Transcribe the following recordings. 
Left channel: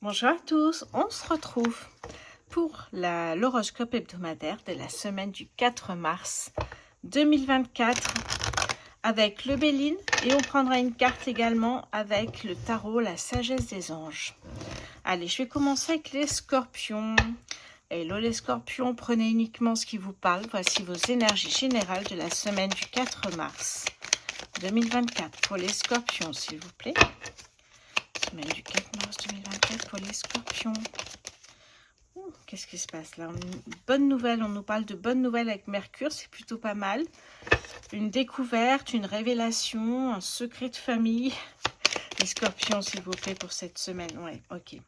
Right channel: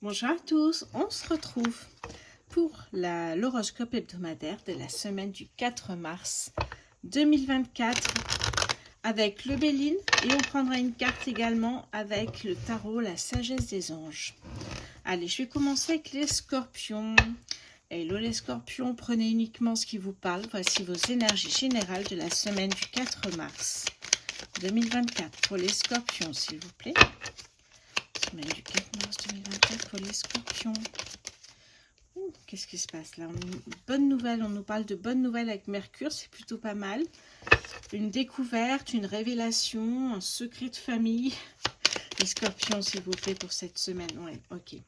Bonjour à tous, on se retrouve pour l'horoscope hebdomadaire de la semaine du 4 mars 2024 avec le Béline et on prendra une carte également avec le tarot, la sagesse des anges. Allez, je vais commencer avec les scorpions. Hello les scorpions, prenez uniquement ce qui vous parle. Voici vos énergies générales de la semaine du 4 mars 2024 pour les scorpions, s'il vous plaît. Semaine du 4 mars 2024 pour les scorpions. Qu'est-ce qui se passe là? Une bonne nouvelle, on nous parle de bonnes nouvelles avec Mercure, c'est plutôt pas mal. Une découverte, une révélation, un secret de famille. Les scorpions, s'il vous plaît, pour cette semaine. Ouais, ok.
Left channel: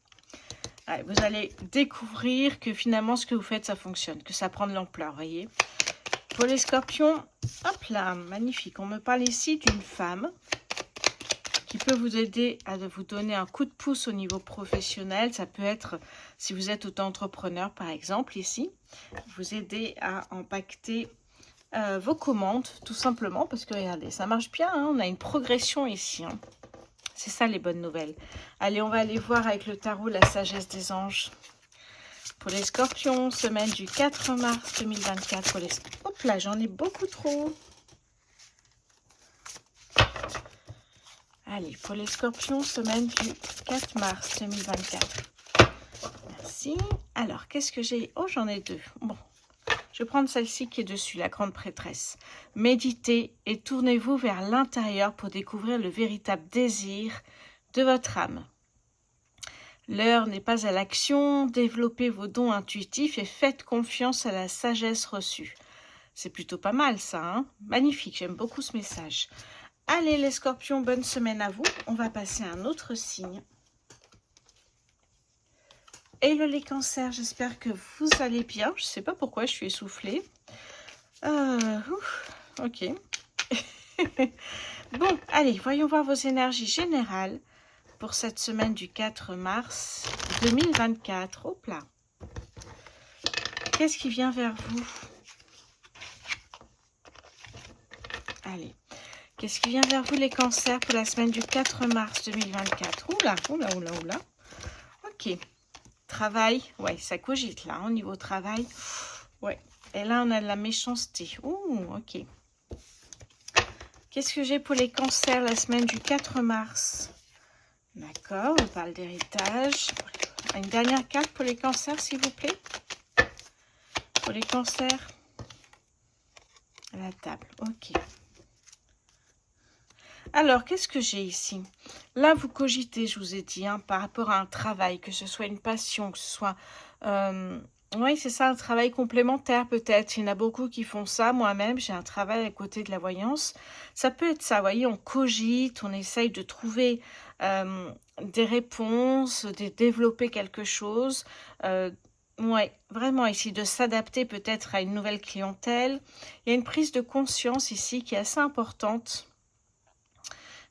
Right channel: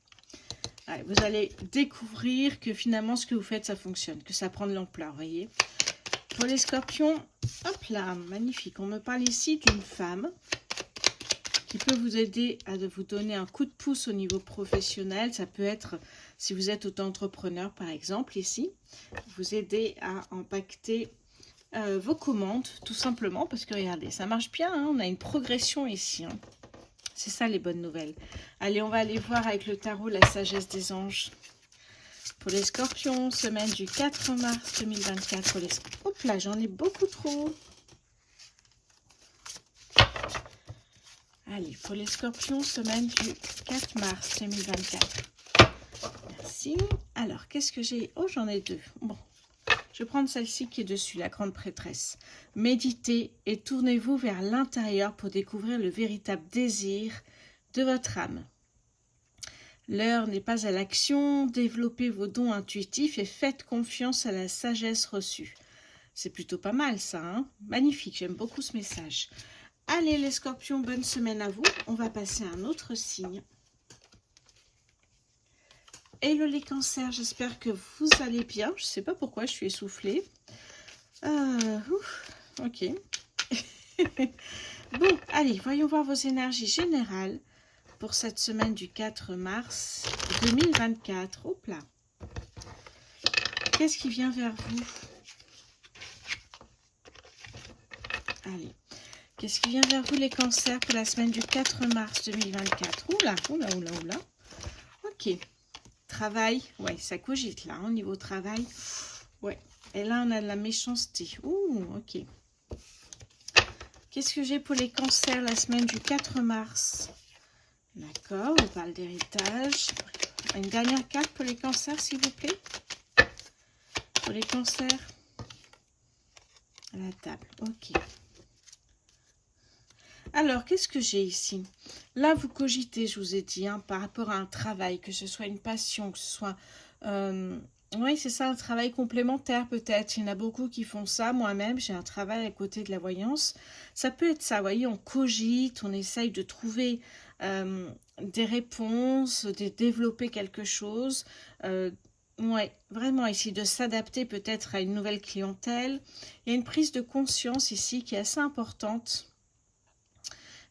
Allez, vous allez découvrir que finalement, ce que vous faites, ça fonctionne, que ça prend de l'ampleur, voyez. Pour les scorpions, hop là, magnifique. On me parle ici d'une femme qui peut vous aider à vous donner un coup de pouce au niveau professionnel. Ça peut être, si vous êtes auto-entrepreneur par exemple, ici, vous aider à impacter vos commandes, tout simplement, parce que regardez, ça marche bien, hein, on a une progression ici. Hein. C'est ça les bonnes nouvelles. Allez, on va aller voir avec le tarot la sagesse des anges. Pour les scorpions, semaine du 4 mars 2024. Pour les... Hop là, j'en ai beaucoup trop. Allez, pour les scorpions, semaine du 4 mars 2024. Merci. Alors, qu'est-ce que j'ai? Oh, j'en ai deux. Bon, je vais prendre celle-ci qui est dessus, la grande prêtresse. Méditez et tournez-vous vers l'intérieur pour découvrir le véritable désir de votre âme. L'heure n'est pas à l'action. Développez vos dons intuitifs et faites confiance à la sagesse reçue. C'est plutôt pas mal, ça, hein? Magnifique, j'aime beaucoup ce message. Allez les scorpions, bonne semaine à vous. On va passer à un autre signe. Hello les cancers, j'espère que vous allez bien. Je ne sais pas pourquoi je suis essoufflée. Ok. Bon, allez, voyons voir vos énergies générales pour cette semaine du 4 mars 2024. Hop là. Qu'est-ce qui vient vers vous? Allez. Qu'est-ce qui vient vers vous les cancers pour la semaine du 4 mars 2024? Oula, oula, oula, oula. Ok. Travail. Ouais, ça cogite là, au niveau travail. Ouais. Et là, on a de la méchanceté. Ouh, ok. Qu'est-ce que j'ai pour les cancers la semaine du 4 mars? D'accord, on parle d'héritage. Une dernière carte pour les cancers, s'il vous plaît. Pour les cancers. À la table, ok. Alors, qu'est-ce que j'ai ici? Là, vous cogitez, je vous ai dit, hein, par rapport à un travail, que ce soit une passion, que ce soit... oui, c'est ça, un travail complémentaire peut-être. Il y en a beaucoup qui font ça. Moi-même, j'ai un travail à côté de la voyance. Ça peut être ça, vous voyez, on cogite, on essaye de trouver des réponses, de développer quelque chose. Ouais, vraiment ici, de s'adapter peut-être à une nouvelle clientèle. Il y a une prise de conscience ici qui est assez importante.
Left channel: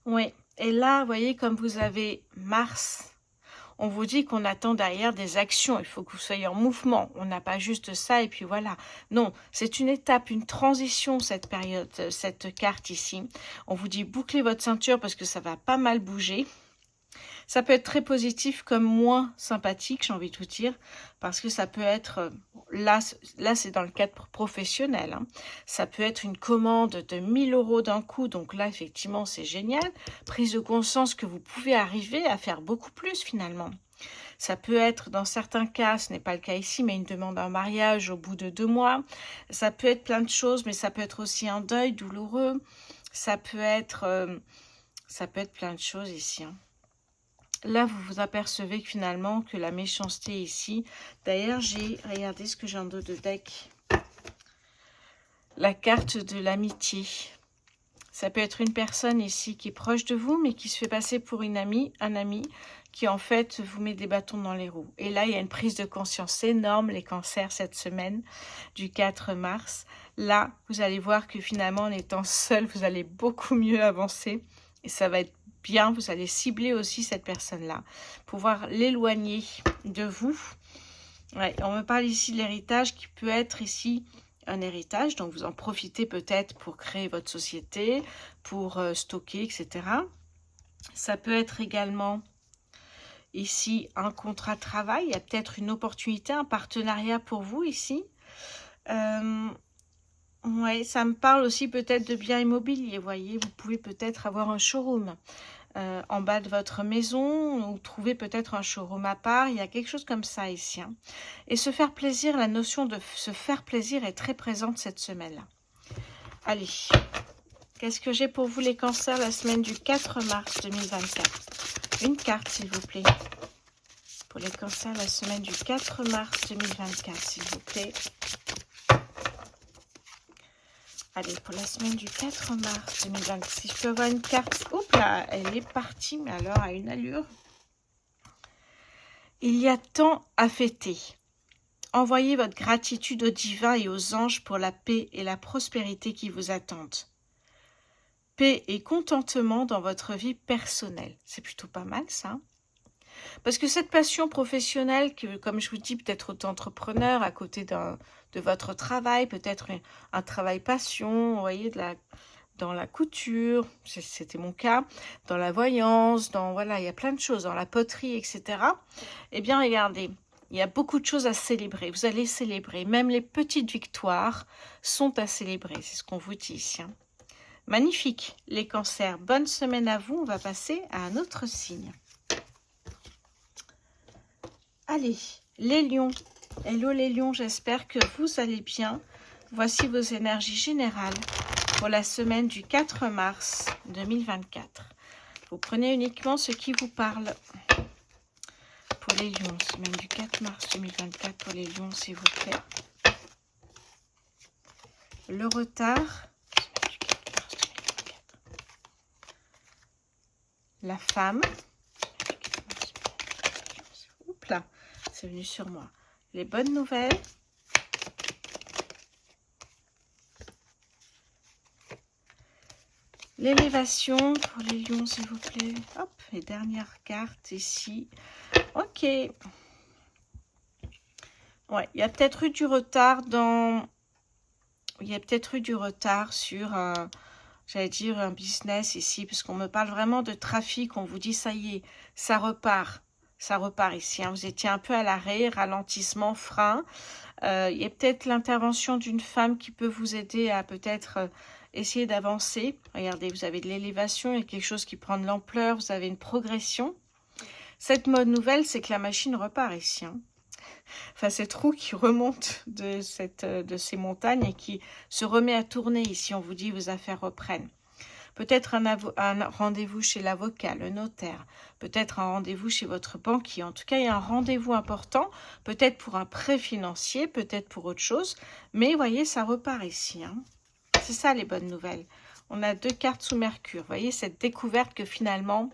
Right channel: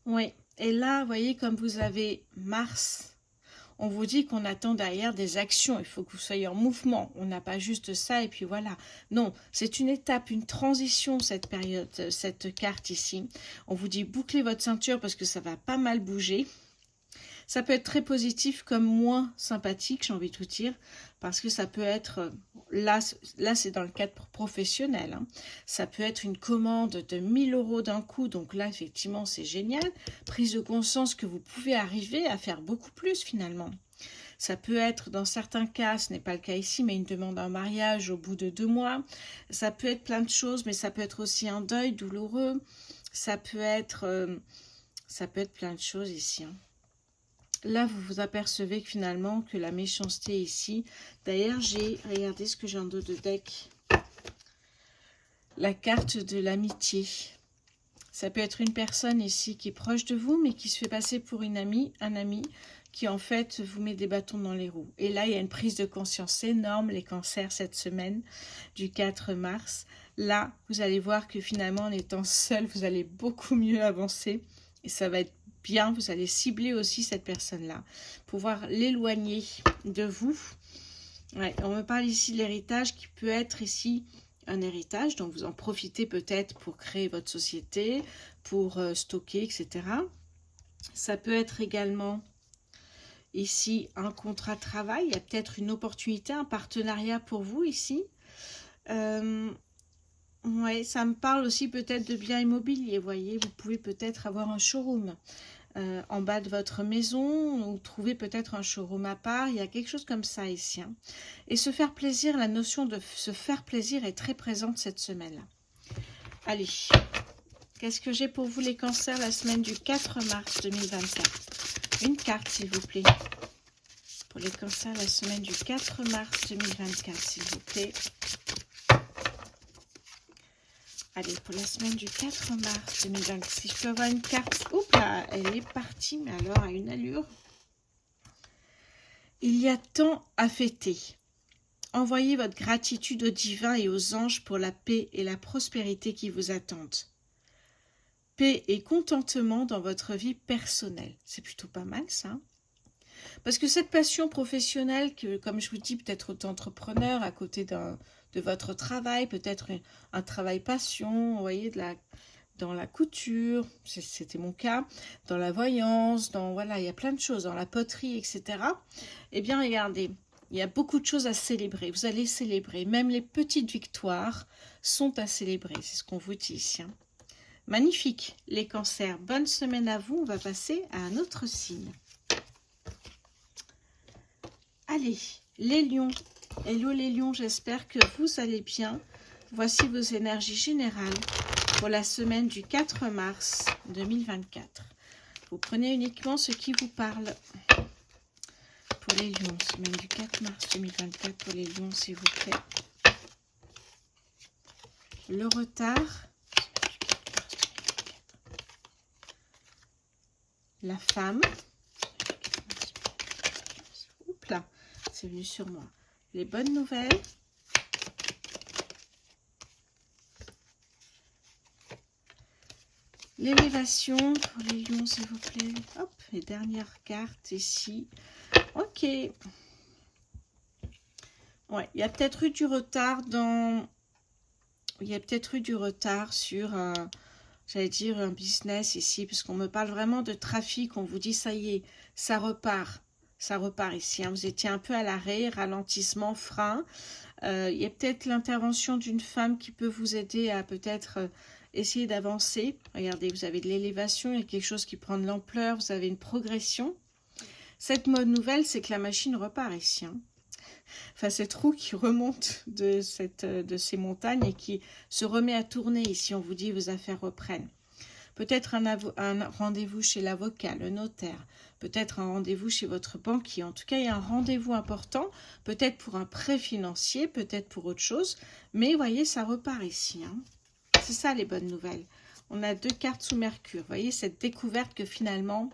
Oui, et là, vous voyez, comme vous avez Mars, on vous dit qu'on attend derrière des actions. Il faut que vous soyez en mouvement. On n'a pas juste ça et puis voilà. Non, c'est une étape, une transition, cette période, cette carte ici. On vous dit bouclez votre ceinture parce que ça va pas mal bouger. Ça peut être très positif comme moins sympathique, j'ai envie de vous dire, parce que ça peut être, là c'est dans le cadre professionnel, hein. Ça peut être une commande de 1000 € d'un coup, donc là effectivement c'est génial. Prise de conscience que vous pouvez arriver à faire beaucoup plus finalement. Ça peut être, dans certains cas, ce n'est pas le cas ici, mais une demande en mariage au bout de 2 mois. Ça peut être plein de choses, mais ça peut être aussi un deuil douloureux. Ça peut être plein de choses ici, hein. Là, vous vous apercevez que finalement, que la méchanceté ici... D'ailleurs, regardez ce que j'ai en dos de deck. La carte de l'amitié. Ça peut être une personne ici qui est proche de vous, mais qui se fait passer pour une amie, un ami, qui en fait vous met des bâtons dans les roues. Et là, il y a une prise de conscience énorme, les cancers, cette semaine du 4 mars. Là, vous allez voir que finalement, en étant seul, vous allez beaucoup mieux avancer. Et ça va être bien, vous allez cibler aussi cette personne-là, pouvoir l'éloigner de vous. Ouais, on me parle ici de l'héritage qui peut être ici un héritage, donc vous en profitez peut-être pour créer votre société, pour stocker, etc. Ça peut être également ici un contrat de travail, il y a peut-être une opportunité, un partenariat pour vous ici. Ouais, ça me parle aussi peut-être de biens immobiliers, vous voyez, vous pouvez peut-être avoir un showroom en bas de votre maison ou trouver peut-être un showroom à part, il y a quelque chose comme ça ici. Hein. Et se faire plaisir, la notion de se faire plaisir est très présente cette semaine-là. Allez, qu'est-ce que j'ai pour vous les cancers la semaine du 4 mars 2024? Une carte s'il vous plaît. Pour les cancers la semaine du 4 mars 2024 s'il vous plaît. Allez, pour la semaine du 4 mars 2024, si je peux avoir une carte. Oups là, elle est partie, mais alors à une allure. Il y a tant à fêter. Envoyez votre gratitude au divin et aux anges pour la paix et la prospérité qui vous attendent. Paix et contentement dans votre vie personnelle. C'est plutôt pas mal ça. Parce que cette passion professionnelle, que, comme je vous dis, peut-être auto-entrepreneur à côté de votre travail, peut-être un travail passion, vous voyez, dans la couture, c'était mon cas, dans la voyance, voilà, il y a plein de choses, dans la poterie, etc. Eh bien, regardez, il y a beaucoup de choses à célébrer. Vous allez célébrer. Même les petites victoires sont à célébrer. C'est ce qu'on vous dit ici. Hein. Magnifique, les cancers. Bonne semaine à vous. On va passer à un autre signe. Allez, les lions. Hello les lions, j'espère que vous allez bien. Voici vos énergies générales pour la semaine du 4 mars 2024. Vous prenez uniquement ce qui vous parle. Pour les lions, semaine du 4 mars 2024, pour les lions, s'il vous plaît. Le retard. La femme. Oups là, c'est venu sur moi. Les bonnes nouvelles. L'élévation pour les lions, s'il vous plaît. Hop, les dernières cartes ici. Ok. Ouais, il y a peut-être eu du retard dans... Il y a peut-être eu du retard sur, j'allais dire, un business ici, puisqu'on me parle vraiment de trafic. On vous dit, ça y est, ça repart. Ça repart ici. Hein. Vous étiez un peu à l'arrêt, ralentissement, frein. Il y a peut-être l'intervention d'une femme qui peut vous aider à peut-être essayer d'avancer. Regardez, vous avez de l'élévation, il y a quelque chose qui prend de l'ampleur, vous avez une progression. Cette bonne nouvelle, c'est que la machine repart ici. Hein. Enfin, cette roue qui remonte de ces montagnes et qui se remet à tourner ici. On vous dit, vos affaires reprennent. Peut-être un rendez-vous chez l'avocat, le notaire. Peut-être un rendez-vous chez votre banquier. En tout cas, il y a un rendez-vous important. Peut-être pour un prêt financier, peut-être pour autre chose. Mais, vous voyez, ça repart ici. Hein. C'est ça, les bonnes nouvelles. On a 2 cartes sous Mercure. Vous voyez, cette découverte que finalement,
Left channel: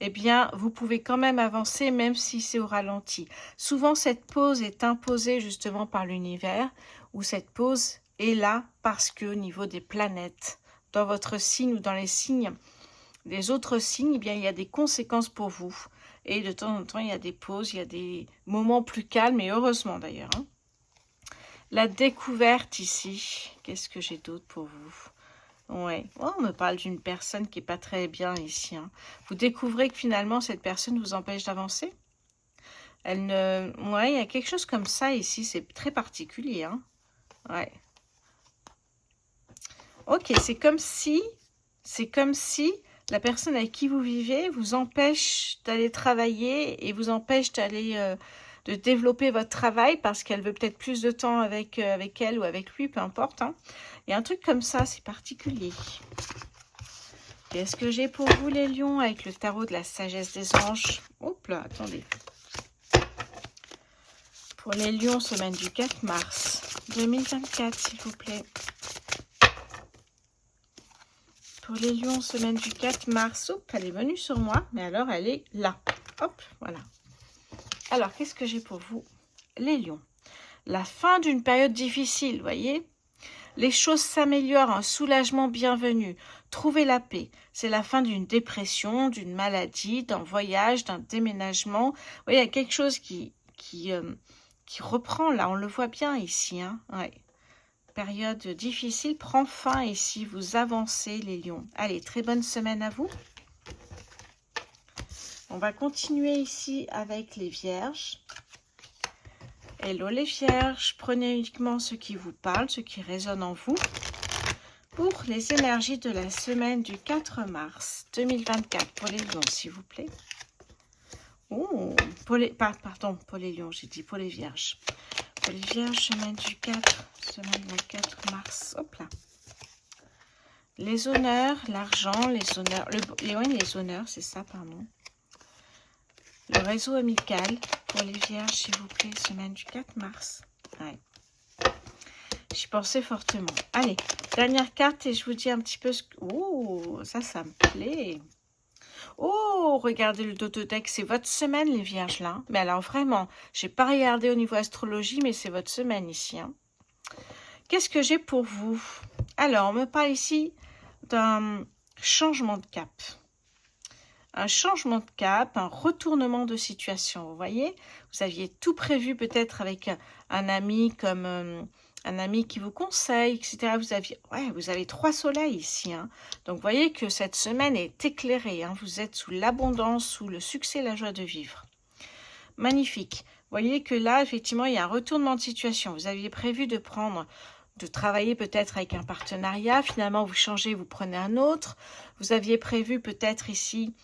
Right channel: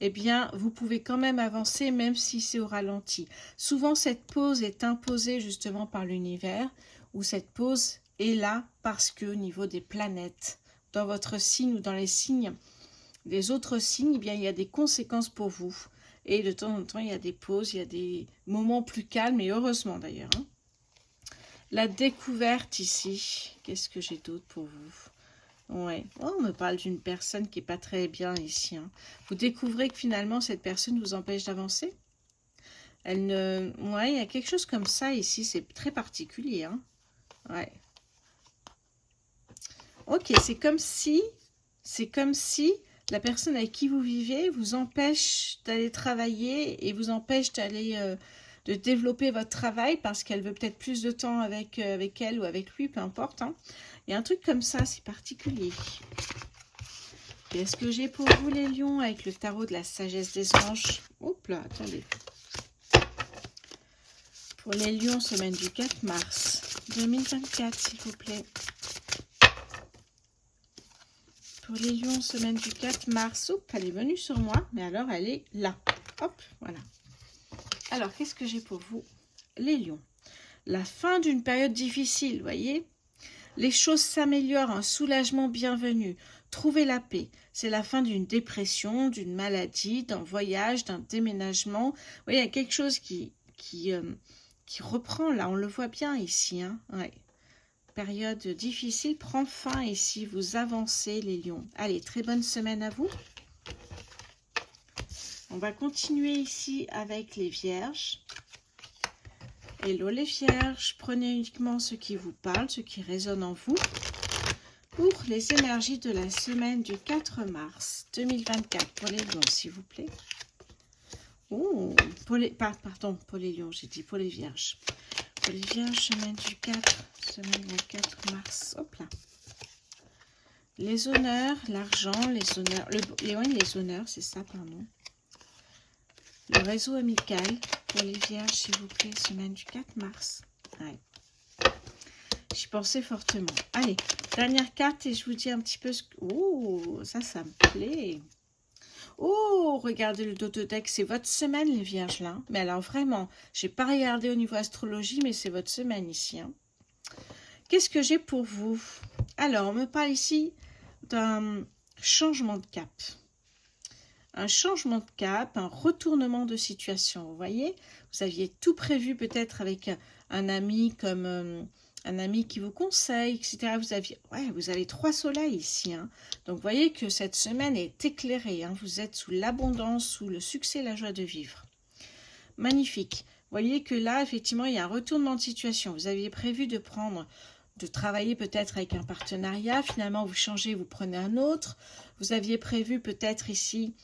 eh bien, vous pouvez quand même avancer, même si c'est au ralenti. Souvent, cette pause est imposée justement par l'univers, ou cette pause est là parce que au niveau des planètes, dans votre signe ou dans les signes des autres signes, eh bien, il y a des conséquences pour vous. Et de temps en temps, il y a des pauses, il y a des moments plus calmes, et heureusement d'ailleurs. Hein. La découverte ici, qu'est-ce que j'ai d'autre pour vous? Ouais, oh, on me parle d'une personne qui n'est pas très bien ici. Hein. Vous découvrez que finalement, cette personne vous empêche d'avancer. Elle ne... Ouais, il y a quelque chose comme ça ici, c'est très particulier. Hein. Ouais. Ok, c'est comme si la personne avec qui vous vivez vous empêche d'aller travailler et vous empêche d'aller de développer votre travail parce qu'elle veut peut-être plus de temps avec elle ou avec lui, peu importe. Hein. Il y a un truc comme ça, c'est particulier. Qu'est-ce que j'ai pour vous les lions avec le tarot de la sagesse des anges? Hop là, attendez. Pour les lions, semaine du 4 mars 2024, s'il vous plaît. Pour les lions, semaine du 4 mars. Hop, elle est venue sur moi, mais alors elle est là. Hop, voilà. Alors, qu'est-ce que j'ai pour vous, les lions? La fin d'une période difficile, vous voyez? Les choses s'améliorent, un soulagement bienvenu. Trouvez la paix. C'est la fin d'une dépression, d'une maladie, d'un voyage, d'un déménagement. Vous voyez, il y a quelque chose qui reprend, là, on le voit bien ici. Hein, ouais. Période difficile prend fin ici, vous avancez les lions. Allez, très bonne semaine à vous. On va continuer ici avec les vierges. Hello les vierges, prenez uniquement ce qui vous parle, ce qui résonne en vous. Pour les énergies de la semaine du 4 mars 2024, pour les lions s'il vous plaît. Oh, pardon, pour les lions, j'ai dit pour les vierges. Pour les vierges, semaine du 4 mars, hop là. Les honneurs, l'argent, les honneurs, les honneurs, c'est ça, pardon. Le réseau amical, pour les vierges, s'il vous plaît, semaine du 4 mars. Ouais. J'y pensais fortement. Allez, dernière carte et je vous dis un petit peu ce que... Oh, ça me plaît. Oh, regardez le dos de deck, c'est votre semaine les vierges là. Mais alors vraiment, j'ai pas regardé au niveau astrologie, mais c'est votre semaine ici. Hein. Qu'est-ce que j'ai pour vous? Alors, on me parle ici d'un changement de cap. Un changement de cap, un retournement de situation. Vous voyez, vous aviez tout prévu peut-être avec un ami comme un ami qui vous conseille, etc. Vous avez 3 soleils ici. Hein. Donc, vous voyez que cette semaine est éclairée. Hein. Vous êtes sous l'abondance, sous le succès et la joie de vivre. Magnifique. Vous voyez que là, effectivement, il y a un retournement de situation. Vous aviez prévu de travailler peut-être avec un partenariat. Finalement, vous changez, vous prenez un autre. Vous aviez prévu peut-être ici...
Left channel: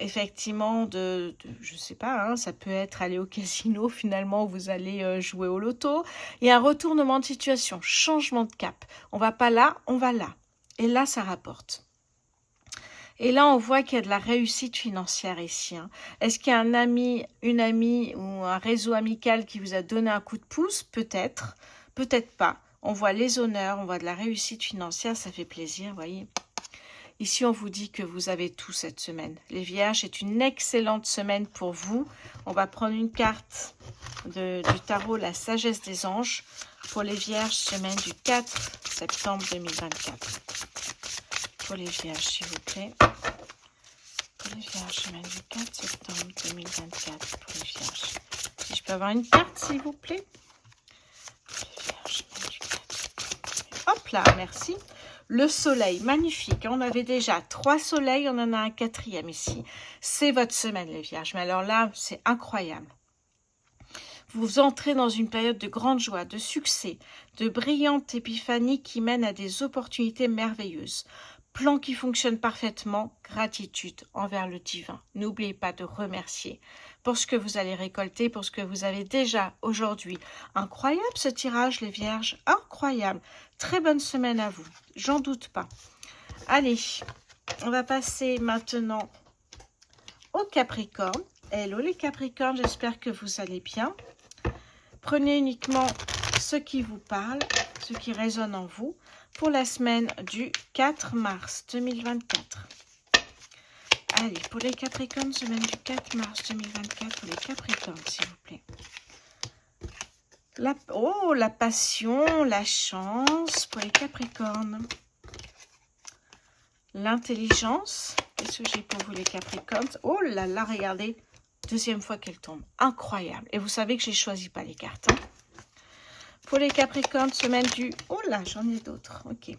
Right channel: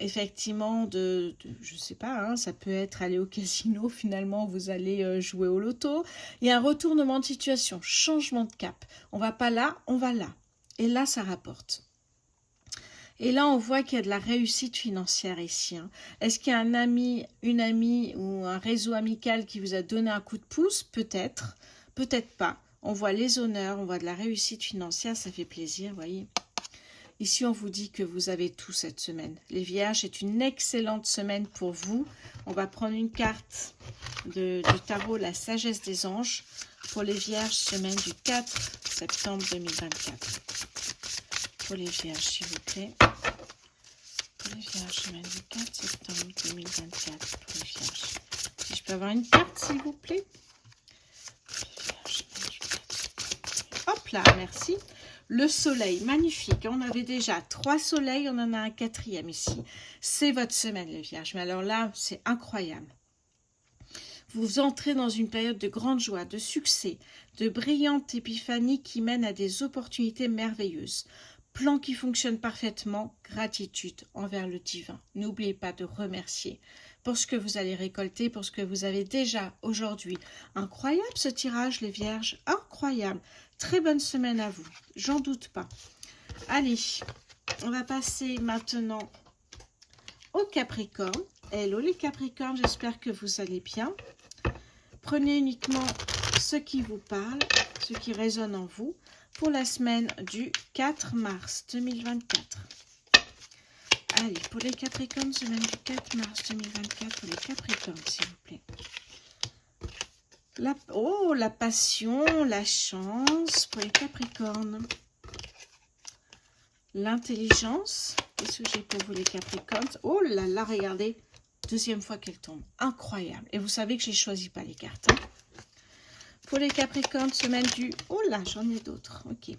Effectivement, je sais pas, hein, ça peut être aller au casino, finalement vous allez jouer au loto. Il y a un retournement de situation, changement de cap. On va pas là, on va là. Et là, ça rapporte. Et là, on voit qu'il y a de la réussite financière ici. Hein. Est-ce qu'il y a un ami, une amie ou un réseau amical qui vous a donné un coup de pouce? Peut-être, peut-être pas. On voit les honneurs, on voit de la réussite financière, ça fait plaisir, vous voyez. Ici, on vous dit que vous avez tout cette semaine. Les vierges, c'est une excellente semaine pour vous. On va prendre une carte du tarot, la sagesse des anges, pour les vierges, semaine du 4 septembre 2024. Pour les vierges, s'il vous plaît. Pour les vierges, semaine du 4 septembre 2024. Pour les vierges. Si je peux avoir une carte, s'il vous plaît. Hop là, merci. Le soleil, magnifique. On avait déjà 3 soleils, on en a un 4e ici. C'est votre semaine, les vierges. Mais alors là, c'est incroyable. Vous entrez dans une période de grande joie, de succès, de brillante épiphanie qui mène à des opportunités merveilleuses. Plan qui fonctionne parfaitement, gratitude envers le divin. N'oubliez pas de remercier pour ce que vous allez récolter, pour ce que vous avez déjà aujourd'hui. Incroyable ce tirage, les vierges, incroyable. Très bonne semaine à vous, j'en doute pas. Allez, on va passer maintenant au Capricorne. Hello les Capricornes, j'espère que vous allez bien. Prenez uniquement ce qui vous parle, ce qui résonne en vous, pour la semaine du 4 mars 2024. Allez, pour les Capricornes, semaine du 4 mars 2024, pour les Capricornes, s'il vous plaît. La passion, la chance pour les Capricornes. L'intelligence. Qu'est-ce que j'ai pour vous les Capricornes? Oh là là, regardez. Deuxième fois qu'elle tombe. Incroyable. Et vous savez que je ne choisis pas les cartes. Hein. Pour les Capricornes, semaine du... Oh là, j'en ai d'autres. Ok.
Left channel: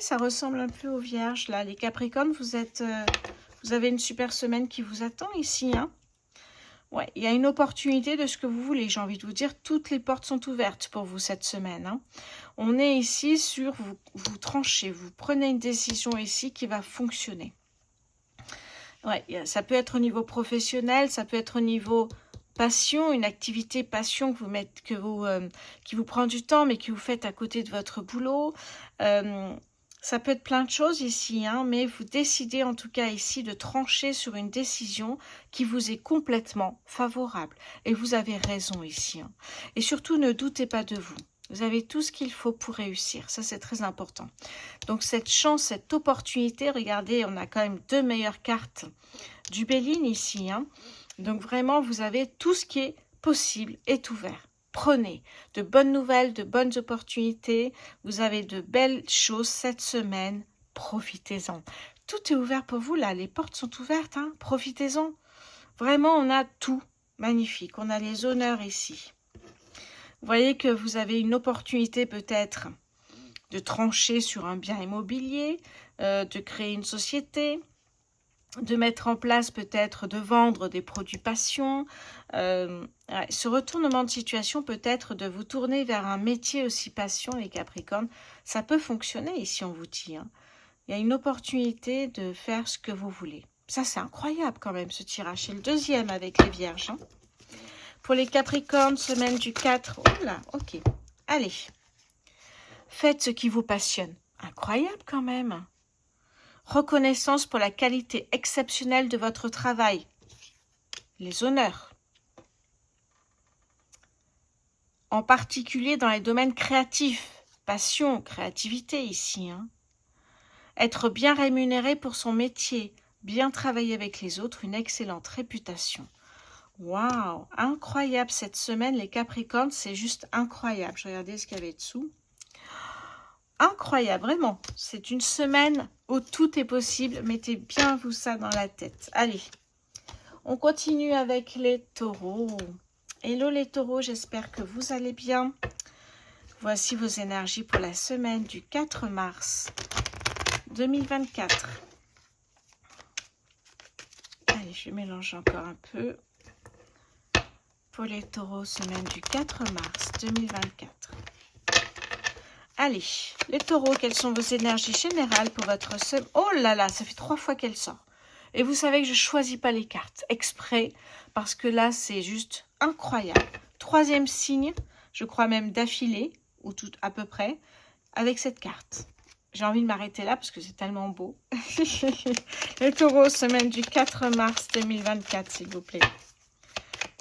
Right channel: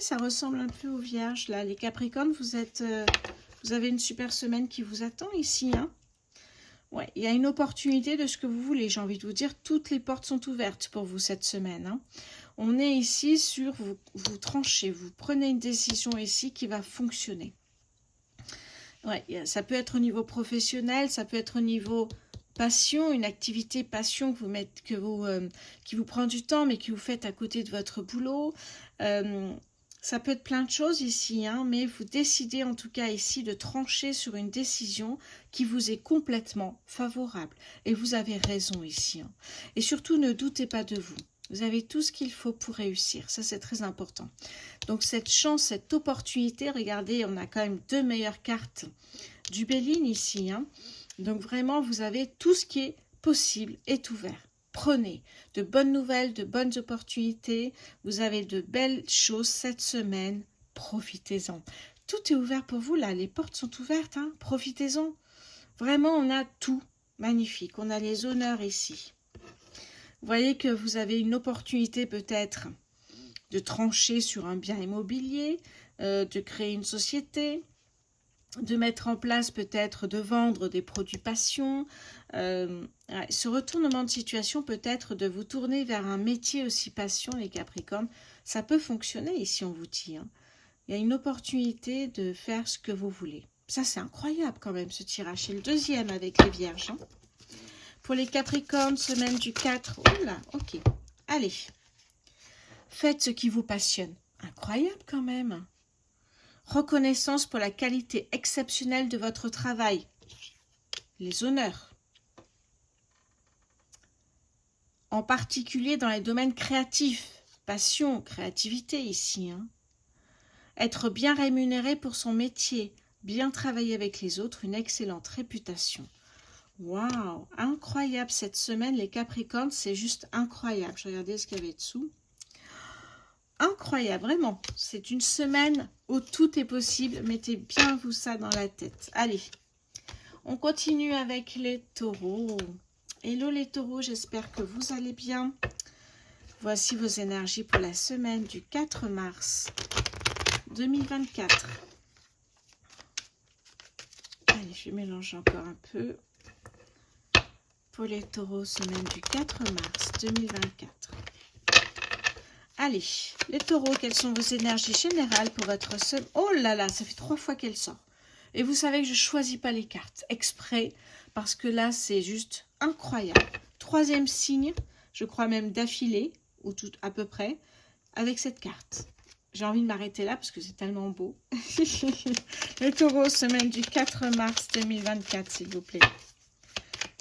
Ça ressemble un peu aux Vierges. Là, les Capricornes, vous avez une super semaine qui vous attend ici. Hein. Ouais, il y a une opportunité de ce que vous voulez, j'ai envie de vous dire, toutes les portes sont ouvertes pour vous cette semaine. Hein. On est ici sur, vous tranchez, vous prenez une décision ici qui va fonctionner. Ouais, ça peut être au niveau professionnel, ça peut être au niveau passion, une activité passion qui vous prend du temps, mais que vous faites à côté de votre boulot. Ça peut être plein de choses ici, hein, mais vous décidez en tout cas ici de trancher sur une décision qui vous est complètement favorable. Et vous avez raison ici. Hein. Et surtout, ne doutez pas de vous. Vous avez tout ce qu'il faut pour réussir. Ça, c'est très important. Donc, cette chance, cette opportunité, regardez, on a quand même 2 meilleures cartes du Béline ici. Hein. Donc, vraiment, vous avez tout ce qui est possible est ouvert. Prenez de bonnes nouvelles, de bonnes opportunités. Vous avez de belles choses cette semaine. Profitez-en. Tout est ouvert pour vous là. Les portes sont ouvertes. Hein. Profitez-en. Vraiment, on a tout. Magnifique. On a les honneurs ici. Vous voyez que vous avez une opportunité peut-être de trancher sur un bien immobilier, de créer une société. de mettre en place peut-être, de vendre des produits passion. Ouais, ce retournement de situation peut-être de vous tourner vers un métier aussi passion, les Capricornes. Ça peut fonctionner ici, on vous dit. Hein. Il y a une opportunité de faire ce que vous voulez. Ça, c'est incroyable quand même, ce tirage. C'est le deuxième avec les Vierges. Hein. Pour les Capricornes, semaine du 4. Oh là, ok. Allez. Faites ce qui vous passionne. Incroyable quand même. Reconnaissance pour la qualité exceptionnelle de votre travail. Les honneurs. En particulier dans les domaines créatifs. Passion, créativité ici. Hein. Être bien rémunéré pour son métier. Bien travailler avec les autres. Une excellente réputation. Waouh, incroyable cette semaine, les Capricornes. C'est juste incroyable. Je vais regarder ce qu'il y avait dessous. Incroyable, vraiment. C'est une semaine où tout est possible. Mettez bien vous ça dans la tête. Allez, on continue avec les taureaux. Hello les taureaux, j'espère que vous allez bien. Voici vos énergies pour la semaine du 4 mars 2024. Allez, je mélange encore un peu. Pour les taureaux, semaine du 4 mars 2024. Allez, les taureaux, quelles sont vos énergies générales pour votre semaine? Oh là là, ça fait 3 fois qu'elle sort. Et vous savez que je ne choisis pas les cartes exprès, parce que là, c'est juste incroyable. Troisième signe, je crois même d'affilée, ou tout à peu près, avec cette carte. J'ai envie de m'arrêter là, parce que c'est tellement beau. Les taureaux, semaine du 4 mars 2024, s'il vous plaît.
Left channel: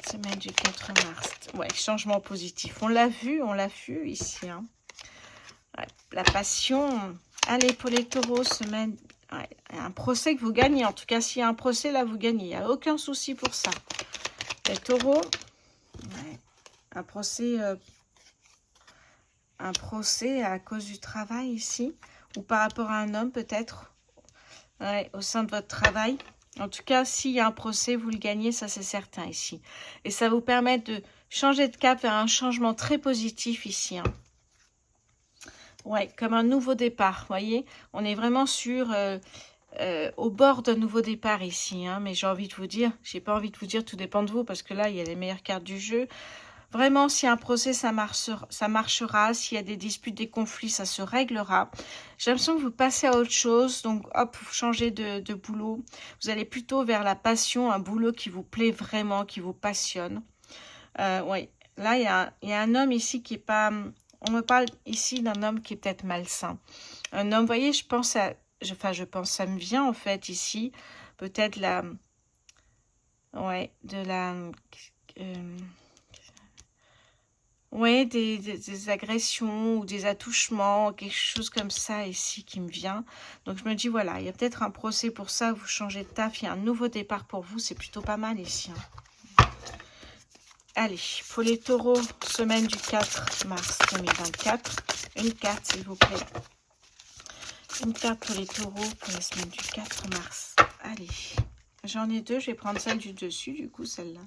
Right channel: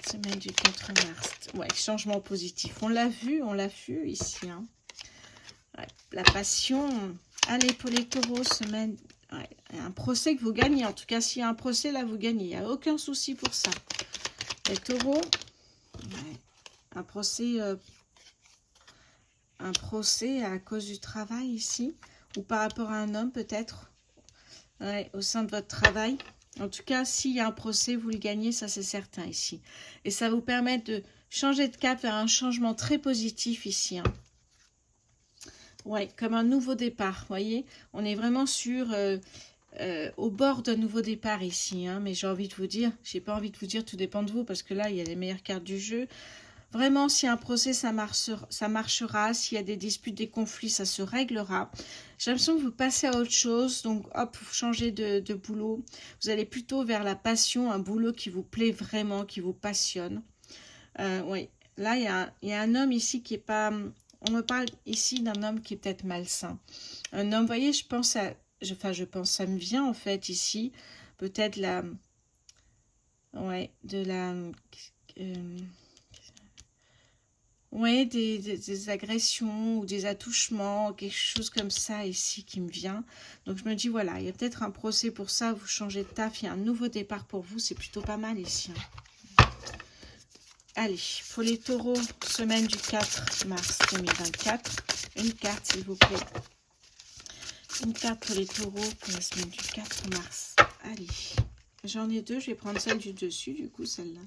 Semaine du 4 mars. Ouais, changement positif. On l'a vu ici, hein. Ouais, la passion. Allez, pour les taureaux, semaine... Ouais, un procès que vous gagnez. En tout cas, s'il y a un procès, là, vous gagnez. Il n'y a aucun souci pour ça. Les taureaux, ouais, un procès à cause du travail ici. Ou par rapport à un homme, peut-être. Ouais, au sein de votre travail. En tout cas, s'il y a un procès, vous le gagnez, ça c'est certain ici. Et ça vous permet de changer de cap vers un changement très positif ici. Hein. Ouais, comme un nouveau départ, voyez. On est vraiment au bord d'un nouveau départ ici. Hein, mais j'ai envie de vous dire, j'ai pas envie de vous dire, tout dépend de vous, parce que là, il y a les meilleures cartes du jeu. Vraiment, s'il y a un procès, ça marchera. S'il y a des disputes, des conflits, ça se réglera. J'ai l'impression que vous passez à autre chose. Donc, hop, vous changez de boulot. Vous allez plutôt vers la passion, un boulot qui vous plaît vraiment, qui vous passionne. Oui, là, il y a un homme ici qui est pas... On me parle ici d'un homme qui est peut-être malsain. Un homme, vous voyez, je pense, ça me vient en fait ici. Peut-être la... Ouais, de la... Oui, des agressions ou des attouchements, quelque chose comme ça ici qui me vient. Donc, je me dis, voilà, il y a peut-être un procès pour ça, vous changez de taf, il y a un nouveau départ pour vous, c'est plutôt pas mal ici. Hein. Allez, pour les taureaux, semaine du 4 mars 2024, une carte s'il vous plaît. Une carte pour les taureaux pour la semaine du 4 mars. Allez, j'en ai deux, je vais prendre celle du dessus, du coup, celle-là.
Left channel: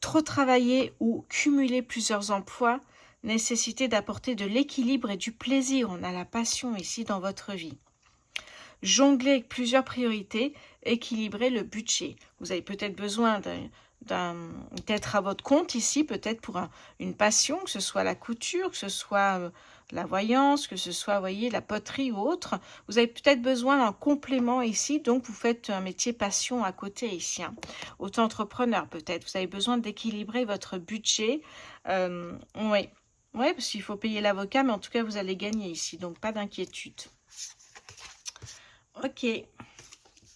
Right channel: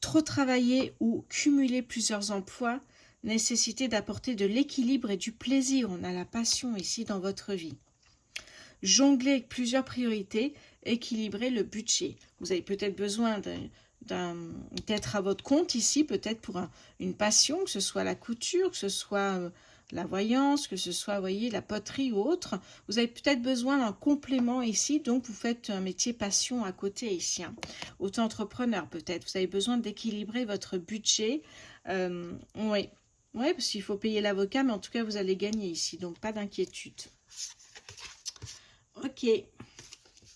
Trop travailler ou cumuler plusieurs emplois, nécessité d'apporter de l'équilibre et du plaisir. On a la passion ici dans votre vie. Jongler avec plusieurs priorités, équilibrer le budget. Vous avez peut-être besoin d'être à votre compte ici, peut-être pour une passion, que ce soit la couture, que ce soit la voyance, que ce soit, voyez, la poterie ou autre. Vous avez peut-être besoin d'un complément ici, donc vous faites un métier passion à côté ici. Hein. Auto-entrepreneur peut-être, vous avez besoin d'équilibrer votre budget. Oui, parce qu'il faut payer l'avocat, mais en tout cas, vous allez gagner ici, donc pas d'inquiétude. Ok.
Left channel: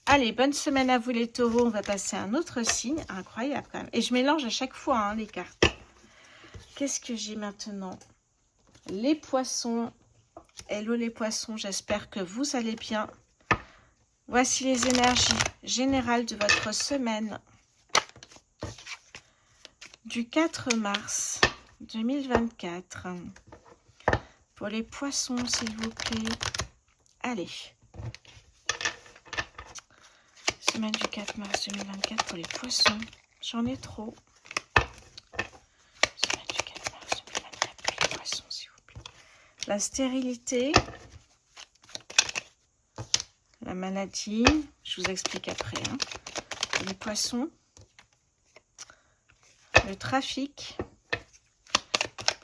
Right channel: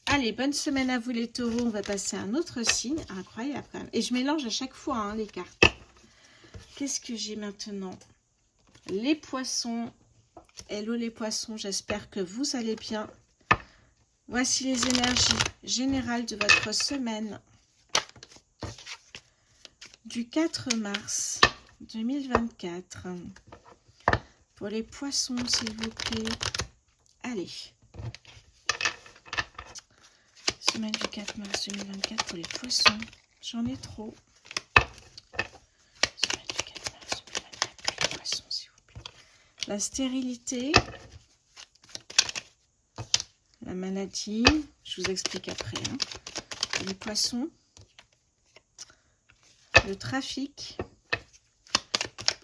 Allez, bonne semaine à vous les taureaux. On va passer à un autre signe. Incroyable quand même. Et je mélange à chaque fois hein, les cartes. Qu'est-ce que j'ai maintenant? Les poissons. Hello les poissons, j'espère que vous allez bien. Voici les énergies générales de votre semaine. Du 4 mars 2024. Pour les poissons, s'il vous plaît. Allez. Semaine du 4 mars 2024 pour les poissons. J'en ai trop. Semaine du 4 mars 2024 pour les poissons, s'il vous plaît. La stérilité. La la maladie, je vous explique après. Hein. Les poissons, le trafic,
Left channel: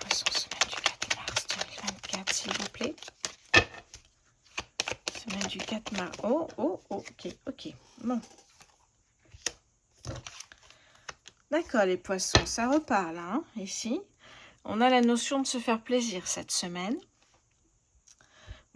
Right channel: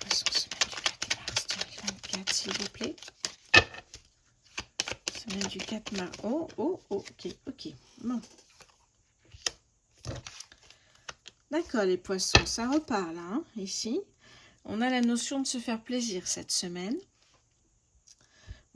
poissons, semaine du 4 mars 2024, s'il vous plaît. Semaine du 4 mars. Oh, oh, oh, ok. Bon. D'accord, les poissons, ça repart là, hein, ici. On a la notion de se faire plaisir cette semaine.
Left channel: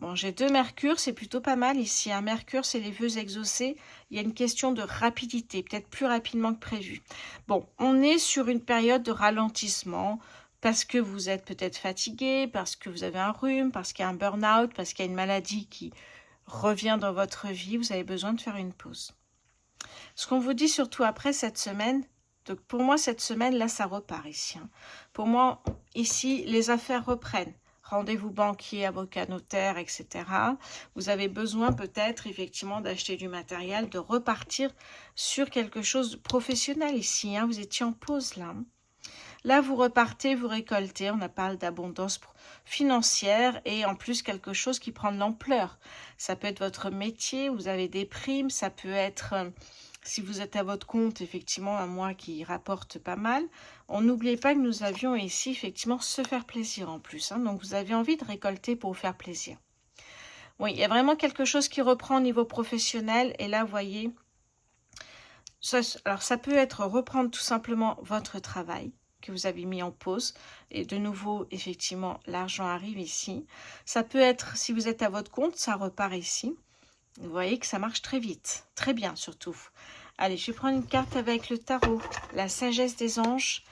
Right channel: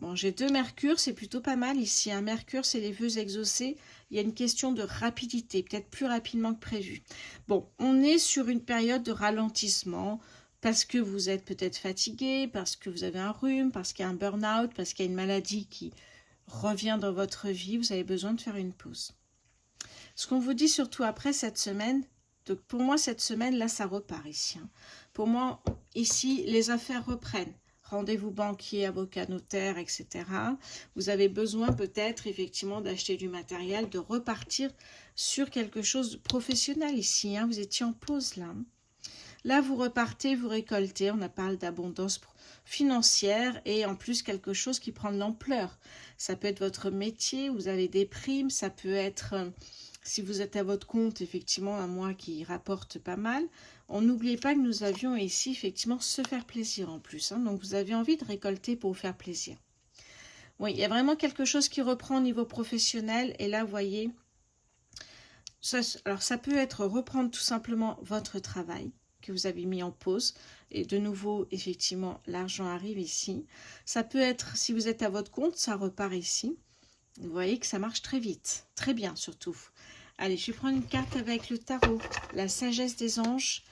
Bon, j'ai 2 Mercure, c'est plutôt pas mal ici. Un Mercure, c'est les vœux exaucés. Il y a une question de rapidité, peut-être plus rapidement que prévu. Bon, on est sur une période de ralentissement parce que vous êtes peut-être fatigué, parce que vous avez un rhume, parce qu'il y a un burn-out, parce qu'il y a une maladie qui revient dans votre vie. Vous avez besoin de faire une pause. Ce qu'on vous dit surtout après cette semaine, donc pour moi, cette semaine, là, ça repart ici. Hein. Pour moi, ici, les affaires reprennent. Rendez-vous banquier, avocat, notaire, etc. Vous avez besoin peut-être, effectivement, d'acheter du matériel, de repartir sur quelque chose de professionnel ici. Hein. Vous étiez en pause, là. Là, vous repartez, vous récoltez. On parle d'abondance financière et en plus, quelque chose qui prend de l'ampleur. Ça peut être votre métier, vous avez des primes, ça peut être... Si vous êtes à votre compte, effectivement, un mois qui rapporte pas mal. On n'oubliez pas que nous avions ici, effectivement, se faire plaisir en plus. Hein. Donc, vous avez envie de récolter pour vous faire plaisir. Oui, il y a vraiment quelque chose qui reprend au niveau professionnel. Et là, vous voyez, alors ça peut être reprendre tout simplement votre travail que vous avez mis en pause. Et de nouveau, effectivement, l'argent arrive ici. Ça peut être, si vous êtes à votre compte, ça repart ici. Vous voyez que ça marche très vite, très bien surtout. Allez, je vais prendre une carte avec le tarot, la sagesse des anges,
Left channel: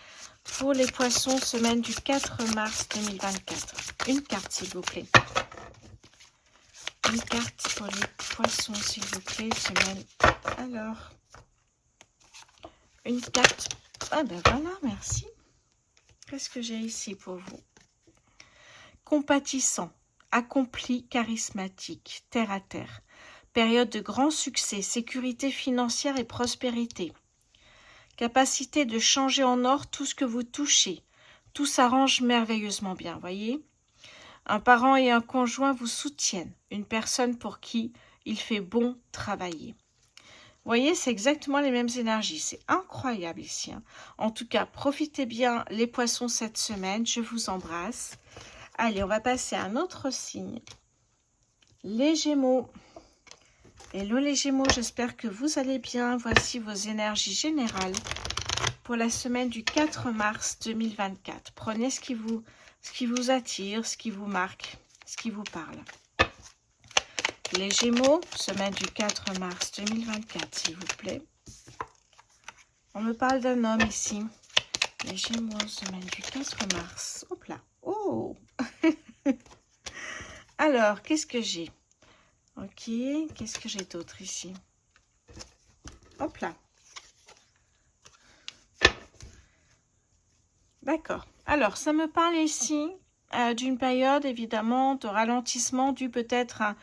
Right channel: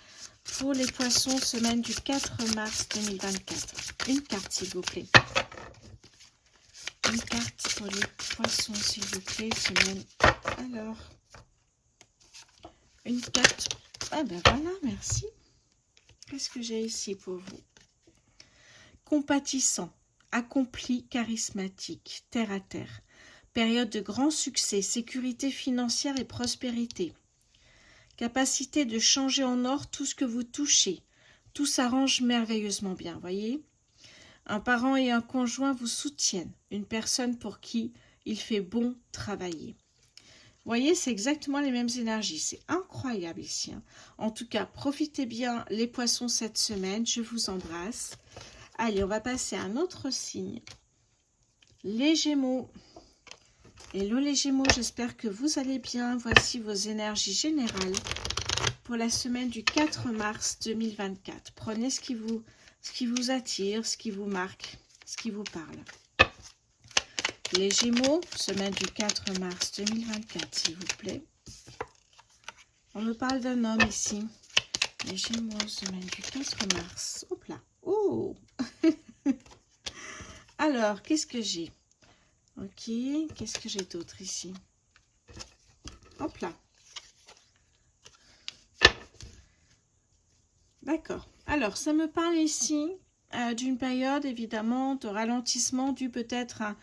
pour les poissons, semaine du 4 mars 2024. Une carte, s'il vous plaît. Une carte pour les poissons, s'il vous plaît, semaine. Alors, une carte. Ah ben voilà, merci. Qu'est-ce que j'ai ici pour vous? Compatissant, accompli, charismatique, terre à terre. Période de grand succès, sécurité financière et prospérité. Capacité de changer en or tout ce que vous touchez. Tout s'arrange merveilleusement bien, voyez. Un parent et un conjoint vous soutiennent. Une personne pour qui il fait bon travailler. Vous voyez, c'est exactement les mêmes énergies. C'est incroyable ici. Hein. En tout cas, profitez bien les poissons cette semaine. Je vous embrasse. Allez, on va passer à un autre signe. Les Gémeaux. Hello les Gémeaux, j'espère que vous allez bien. Voici vos énergies générales pour la semaine du 4 mars 2024. Prenez ce qui vous attire, ce qui vous marque, ce qui vous parle. Les Gémeaux, semaine du 4 mars 2024, s'il vous plaît. On me parle d'un homme ici. Les Gémeaux, semaine du 4 mars. Hop là. Oh Alors, qu'est-ce que j'ai? Ok, qu'est-ce que j'ai d'autre ici? Hop là. D'accord. Alors, ça me parle ici d'une période, évidemment, de ralentissement dû peut-être à...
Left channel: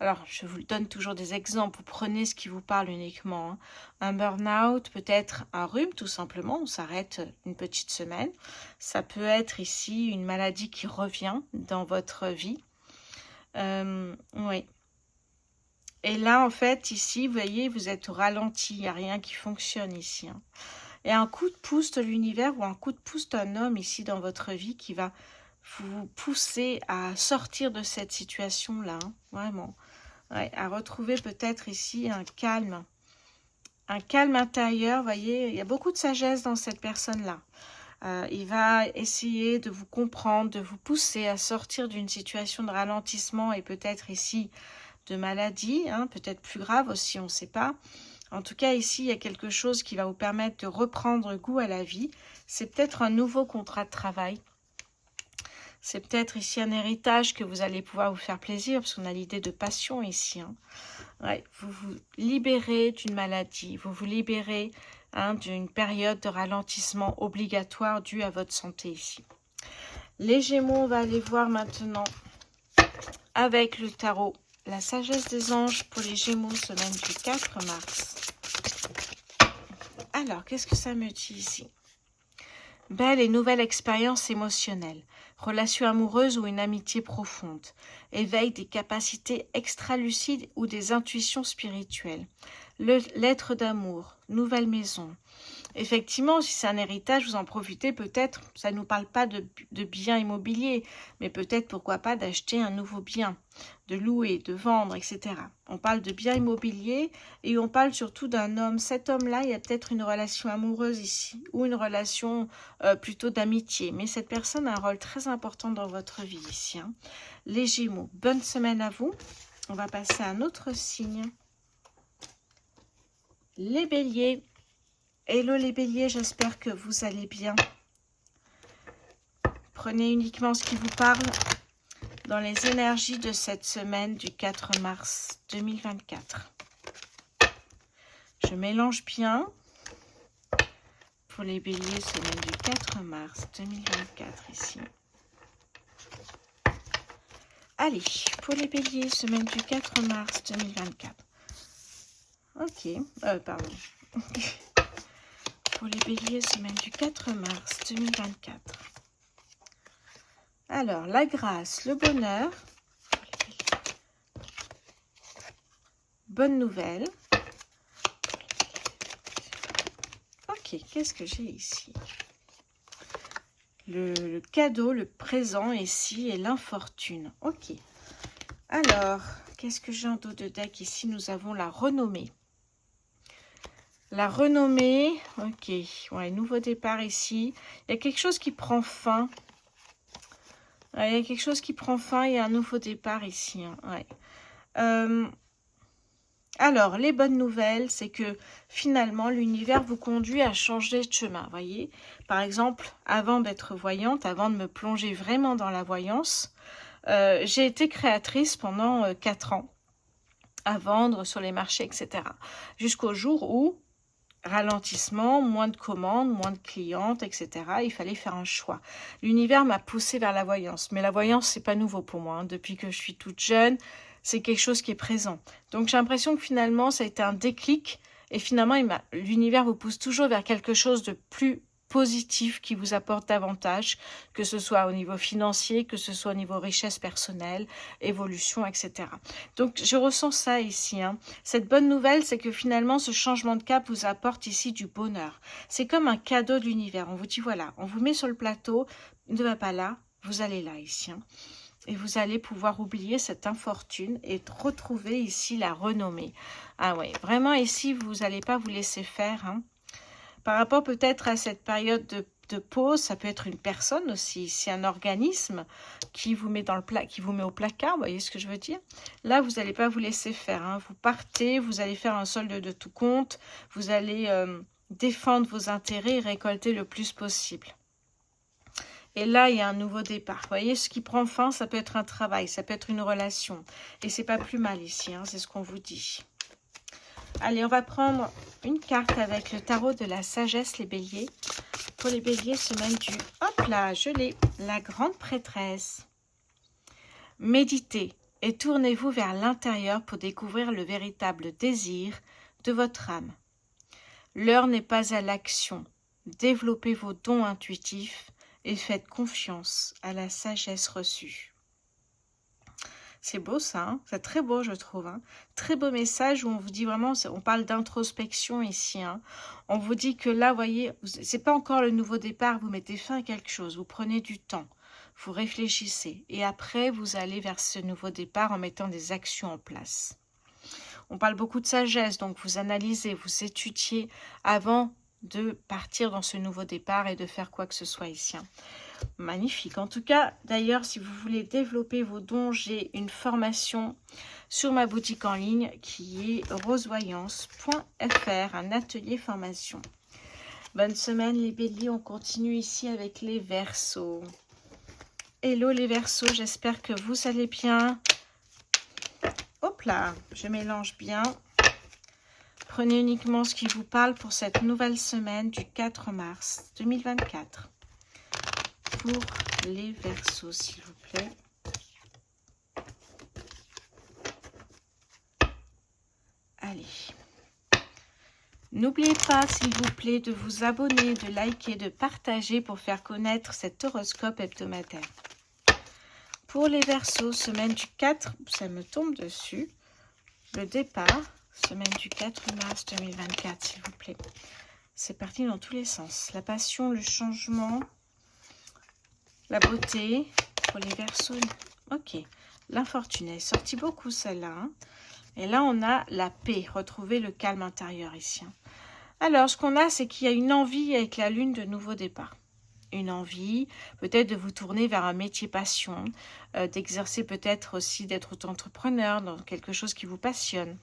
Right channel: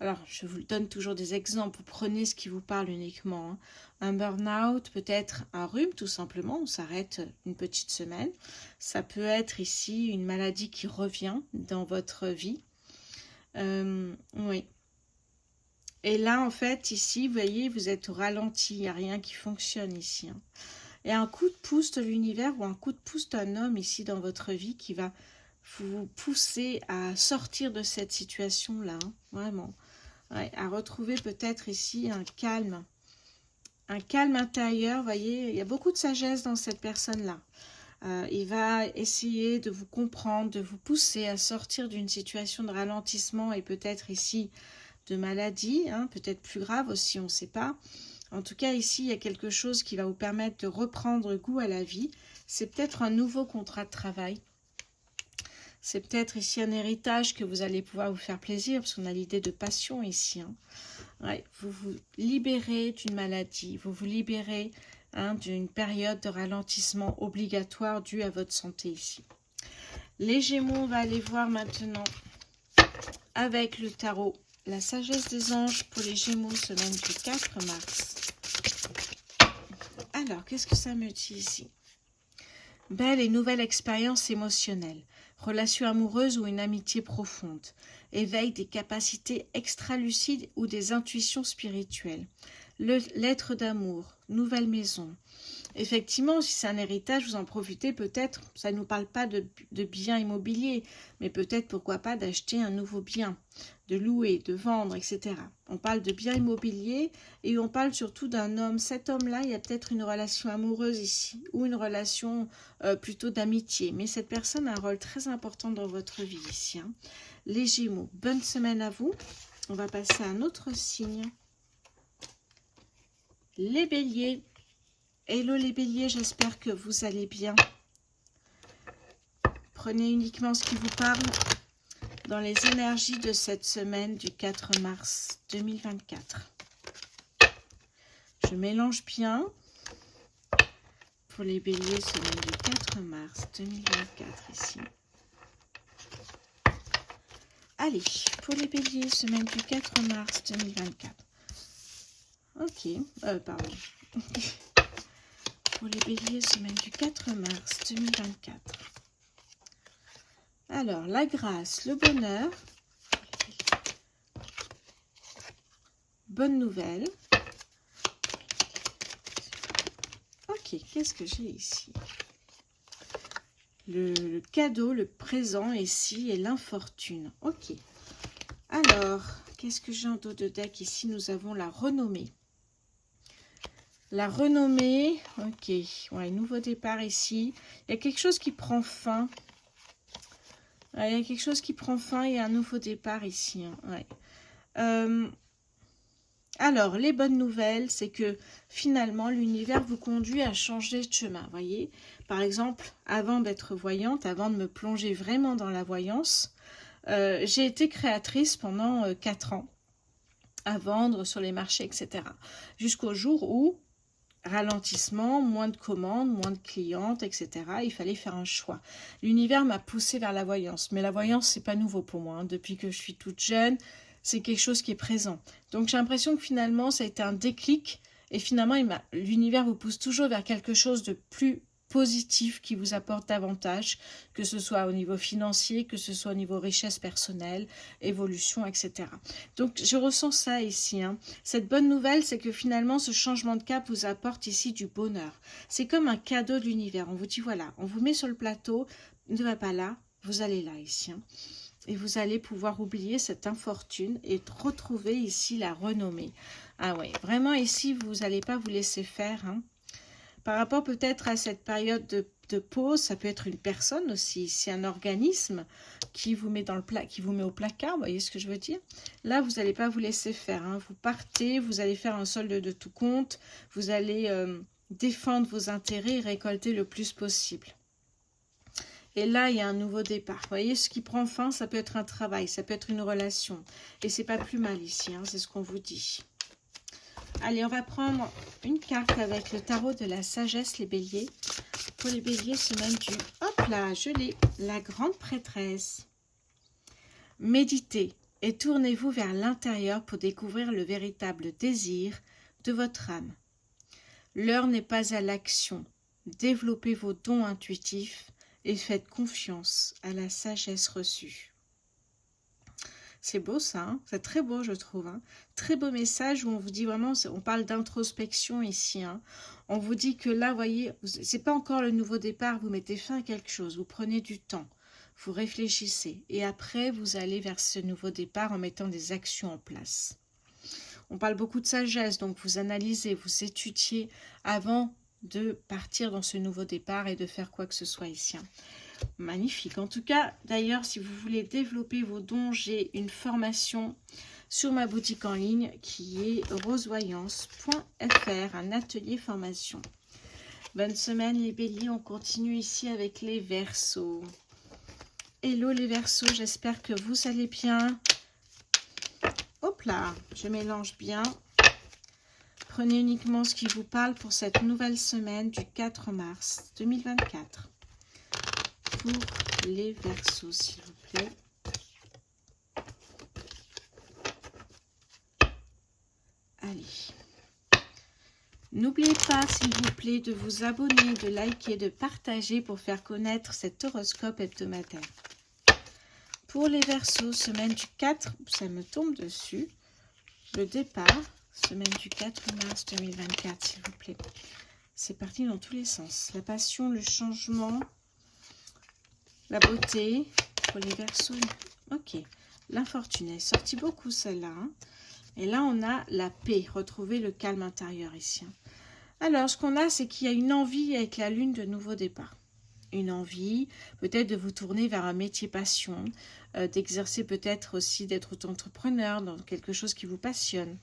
Alors, je vous donne toujours des exemples. Vous prenez ce qui vous parle uniquement. Hein. Un burn-out, peut-être un rhume, tout simplement. On s'arrête une petite semaine. Ça peut être ici une maladie qui revient dans votre vie. Oui. Et là, en fait, ici, vous voyez, vous êtes au ralenti. Il n'y a rien qui fonctionne ici. Hein. Et un coup de pouce de l'univers ou un coup de pouce d'un homme ici dans votre vie qui va vous pousser à sortir de cette situation-là. Hein, vraiment. Ouais, à retrouver peut-être ici un calme intérieur. Vous voyez, il y a beaucoup de sagesse dans cette personne-là. Il va essayer de vous comprendre, de vous pousser à sortir d'une situation de ralentissement et peut-être ici de maladie, hein, peut-être plus grave aussi, on ne sait pas. En tout cas, ici, il y a quelque chose qui va vous permettre de reprendre goût à la vie. C'est peut-être un nouveau contrat de travail. C'est peut-être ici un héritage que vous allez pouvoir vous faire plaisir, parce qu'on a l'idée de passion ici. Hein. Ouais, vous vous libérez d'une maladie, vous vous libérez d'une période de ralentissement obligatoire due à votre santé ici. Les Gémeaux, on va aller voir maintenant avec le tarot. La sagesse des anges pour les Gémeaux, semaine du 4 mars. Alors, qu'est-ce que ça me dit ici? Belle et nouvelle expérience émotionnelle, relation amoureuse ou une amitié profonde, éveil des capacités extra-lucides ou des intuitions spirituelles, lettre d'amour, nouvelle maison. Effectivement, si c'est un héritage, vous en profitez peut-être, ça ne nous parle pas de biens immobiliers, mais peut-être pourquoi pas d'acheter un nouveau bien, de louer, de vendre, etc. On parle de biens immobiliers et on parle surtout d'un homme. Cet homme-là, il y a peut-être une relation amoureuse ici ou une relation plutôt d'amitié, mais cette personne a un rôle très important dans votre vie ici. Hein. Les Gémeaux, bonne semaine à vous. On va passer à un autre signe. Les Béliers. Hello les Béliers, j'espère que vous allez bien. Prenez uniquement ce qui vous parle dans les énergies de cette semaine du 4 mars 2024. Je mélange bien pour les Béliers, semaine du 4 mars 2024 ici. Allez, pour les Béliers, semaine du 4 mars 2024. Ok, pardon. Pour les Béliers, semaine du 4 mars 2024. Alors, la grâce, le bonheur. Bonne nouvelle. Ok, qu'est-ce que j'ai ici? Le cadeau, le présent ici et l'infortune. Ok. Alors, qu'est-ce que j'ai en dos de deck ici? Nous avons la renommée. La renommée, ok. Ouais, nouveau départ ici. Il y a quelque chose qui prend fin. Ouais, il y a quelque chose qui prend fin. Il y a un nouveau départ ici. Hein. Ouais. Alors, les bonnes nouvelles, c'est que finalement, l'univers vous conduit à changer de chemin, voyez. Par exemple, avant d'être voyante, avant de me plonger vraiment dans la voyance, j'ai été créatrice pendant 4 ans, à vendre sur les marchés, etc. Jusqu'au jour où, ralentissement, moins de commandes, moins de clientes, etc. Il fallait faire un choix. L'univers m'a poussée vers la voyance, mais la voyance, c'est pas nouveau pour moi. Hein. Depuis que je suis toute jeune, c'est quelque chose qui est présent. Donc j'ai l'impression que finalement, ça a été un déclic, et finalement, l'univers vous pousse toujours vers quelque chose de plus positif qui vous apporte davantage, que ce soit au niveau financier, que ce soit au niveau richesse personnelle, évolution, etc. Donc je ressens ça ici. Hein. Cette bonne nouvelle, c'est que finalement ce changement de cap vous apporte ici du bonheur. C'est comme un cadeau de l'univers. On vous dit voilà, on vous met sur le plateau, ne va pas là, vous allez là ici. Hein. Et vous allez pouvoir oublier cette infortune et retrouver ici la renommée. Ah ouais, vraiment ici, vous n'allez pas vous laisser faire. Hein. Par rapport peut-être à cette période de pause, ça peut être une personne aussi, c'est un organisme qui vous met qui vous met au placard, vous voyez ce que je veux dire? Là, vous n'allez pas vous laisser faire, hein. Vous partez, vous allez faire un solde de tout compte, vous allez défendre vos intérêts et récolter le plus possible. Et là, il y a un nouveau départ. Vous voyez, ce qui prend fin, ça peut être un travail, ça peut être une relation. Et c'est pas plus mal ici, hein, c'est ce qu'on vous dit. Allez, on va prendre une carte avec le tarot de la sagesse, les béliers. Pour les béliers, semaine du... Hop là, je l'ai. La grande prêtresse. Méditez et tournez-vous vers l'intérieur pour découvrir le véritable désir de votre âme. L'heure n'est pas à l'action. Développez vos dons intuitifs et faites confiance à la sagesse reçue. C'est beau ça, hein, c'est très beau je trouve. Hein. Très beau message où on vous dit vraiment, on parle d'introspection ici. Hein. On vous dit que là, vous voyez, c'est pas encore le nouveau départ, vous mettez fin à quelque chose, vous prenez du temps, vous réfléchissez. Et après, vous allez vers ce nouveau départ en mettant des actions en place. On parle beaucoup de sagesse, donc vous analysez, vous étudiez avant de partir dans ce nouveau départ et de faire quoi que ce soit ici. Hein. Magnifique. En tout cas, d'ailleurs, si vous voulez développer vos dons, j'ai une formation sur ma boutique en ligne qui est rosevoyance.fr, un atelier formation. Bonne semaine les béliers, on continue ici avec les Verseaux. Hello les Verseaux, j'espère que vous allez bien. Hop là, je mélange bien. Prenez uniquement ce qui vous parle pour cette nouvelle semaine du 4 mars 2024. Pour les Verseaux, s'il vous plaît. Allez. N'oubliez pas, s'il vous plaît, de vous abonner, de liker, de partager pour faire connaître cet horoscope hebdomadaire. Pour les Verseaux, semaine du 4, ça me tombe dessus, le départ, semaine du 4 mars 2024, s'il vous plaît. C'est parti dans tous les sens. La passion, le changement, la beauté. Pour les Verseaux, ok. L'infortuné, sorti beaucoup celle-là. Hein. Et là, on a la paix, retrouver le calme intérieur ici. Hein. Alors, ce qu'on a, c'est qu'il y a une envie avec la lune de nouveau départ. Une envie, peut-être de vous tourner vers un métier passion, d'exercer peut-être aussi d'être auto-entrepreneur dans quelque chose qui vous passionne.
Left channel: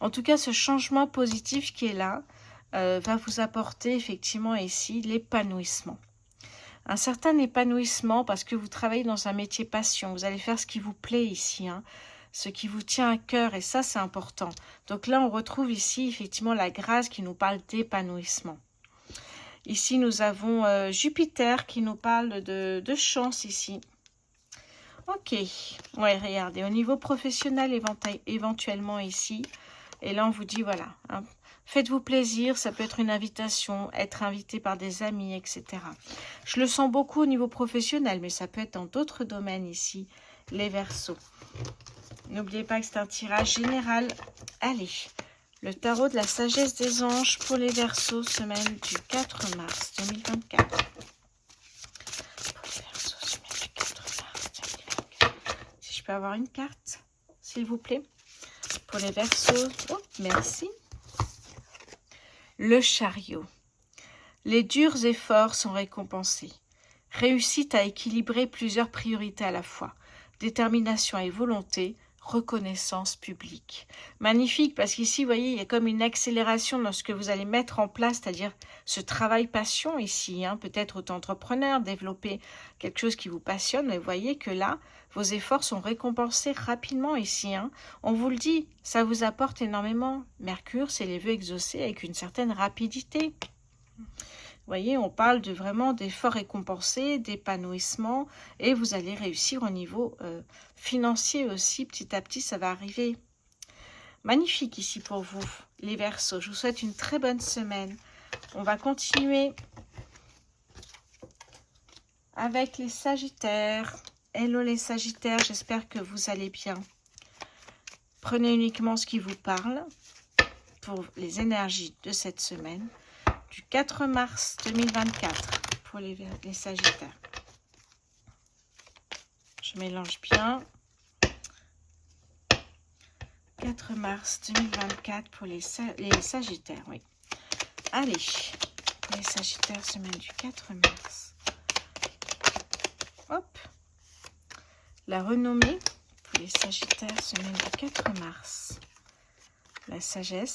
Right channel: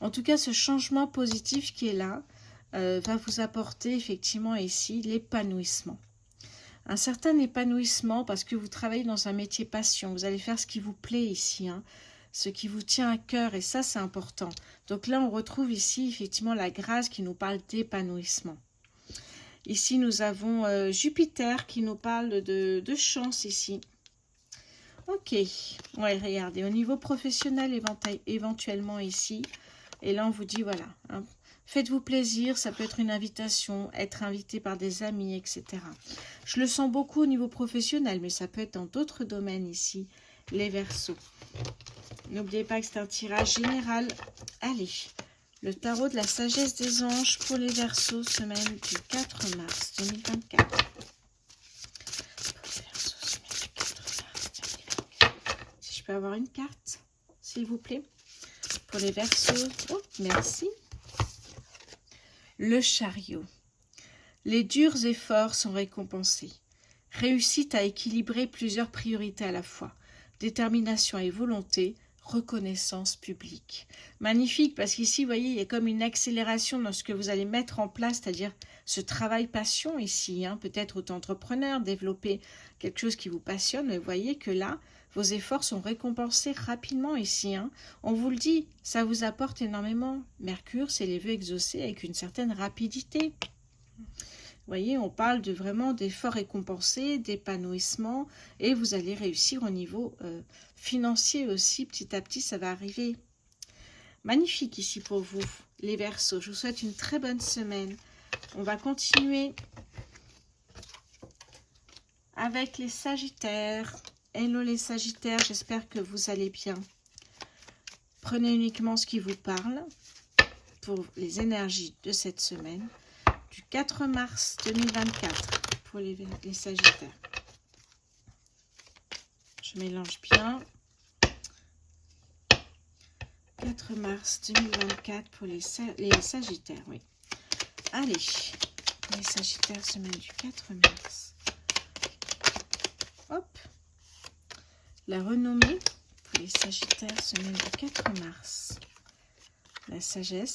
En tout cas, ce changement positif qui est là va vous apporter effectivement ici l'épanouissement. Un certain épanouissement parce que vous travaillez dans un métier passion. Vous allez faire ce qui vous plaît ici, hein, ce qui vous tient à cœur et ça, c'est important. Donc là, on retrouve ici effectivement la grâce qui nous parle d'épanouissement. Ici, nous avons Jupiter qui nous parle de chance ici. Ok, ouais, regardez, au niveau professionnel éventuellement ici. Et là, on vous dit, voilà, hein, faites-vous plaisir, ça peut être une invitation, être invité par des amis, etc. Je le sens beaucoup au niveau professionnel, mais ça peut être dans d'autres domaines ici, les Verseaux. N'oubliez pas que c'est un tirage général. Allez, le tarot de la sagesse des anges pour les Verseaux, semaine du 4 mars 2024. Pour les Verseaux, semaine du 4 mars 2024. Si je peux avoir une carte, s'il vous plaît. Pour les Verseaux, oh, merci. Le chariot. Les durs efforts sont récompensés. Réussite à équilibrer plusieurs priorités à la fois. Détermination et volonté, reconnaissance publique. Magnifique parce qu'ici, vous voyez, il y a comme une accélération dans ce que vous allez mettre en place, c'est-à-dire ce travail passion ici, hein, peut-être auto-entrepreneur, développer quelque chose qui vous passionne, mais vous voyez que là, vos efforts sont récompensés rapidement ici. Hein. On vous le dit, ça vous apporte énormément. Mercure, c'est les vœux exaucés avec une certaine rapidité. Vous voyez, on parle de vraiment d'efforts récompensés, d'épanouissement, et vous allez réussir au niveau financier aussi. Petit à petit, ça va arriver. Magnifique ici pour vous, les Verseaux. Je vous souhaite une très bonne semaine. On va continuer avec les Sagittaires. Hello les Sagittaires, j'espère que vous allez bien. Prenez uniquement ce qui vous parle pour les énergies de cette semaine. Du 4 mars 2024 pour les Sagittaires. Je mélange bien. 4 mars 2024 pour les Sagittaires, oui. Allez, les Sagittaires, semaine du 4 mars. Hop. La renommée pour les Sagittaires, semaine du 4 mars. La sagesse.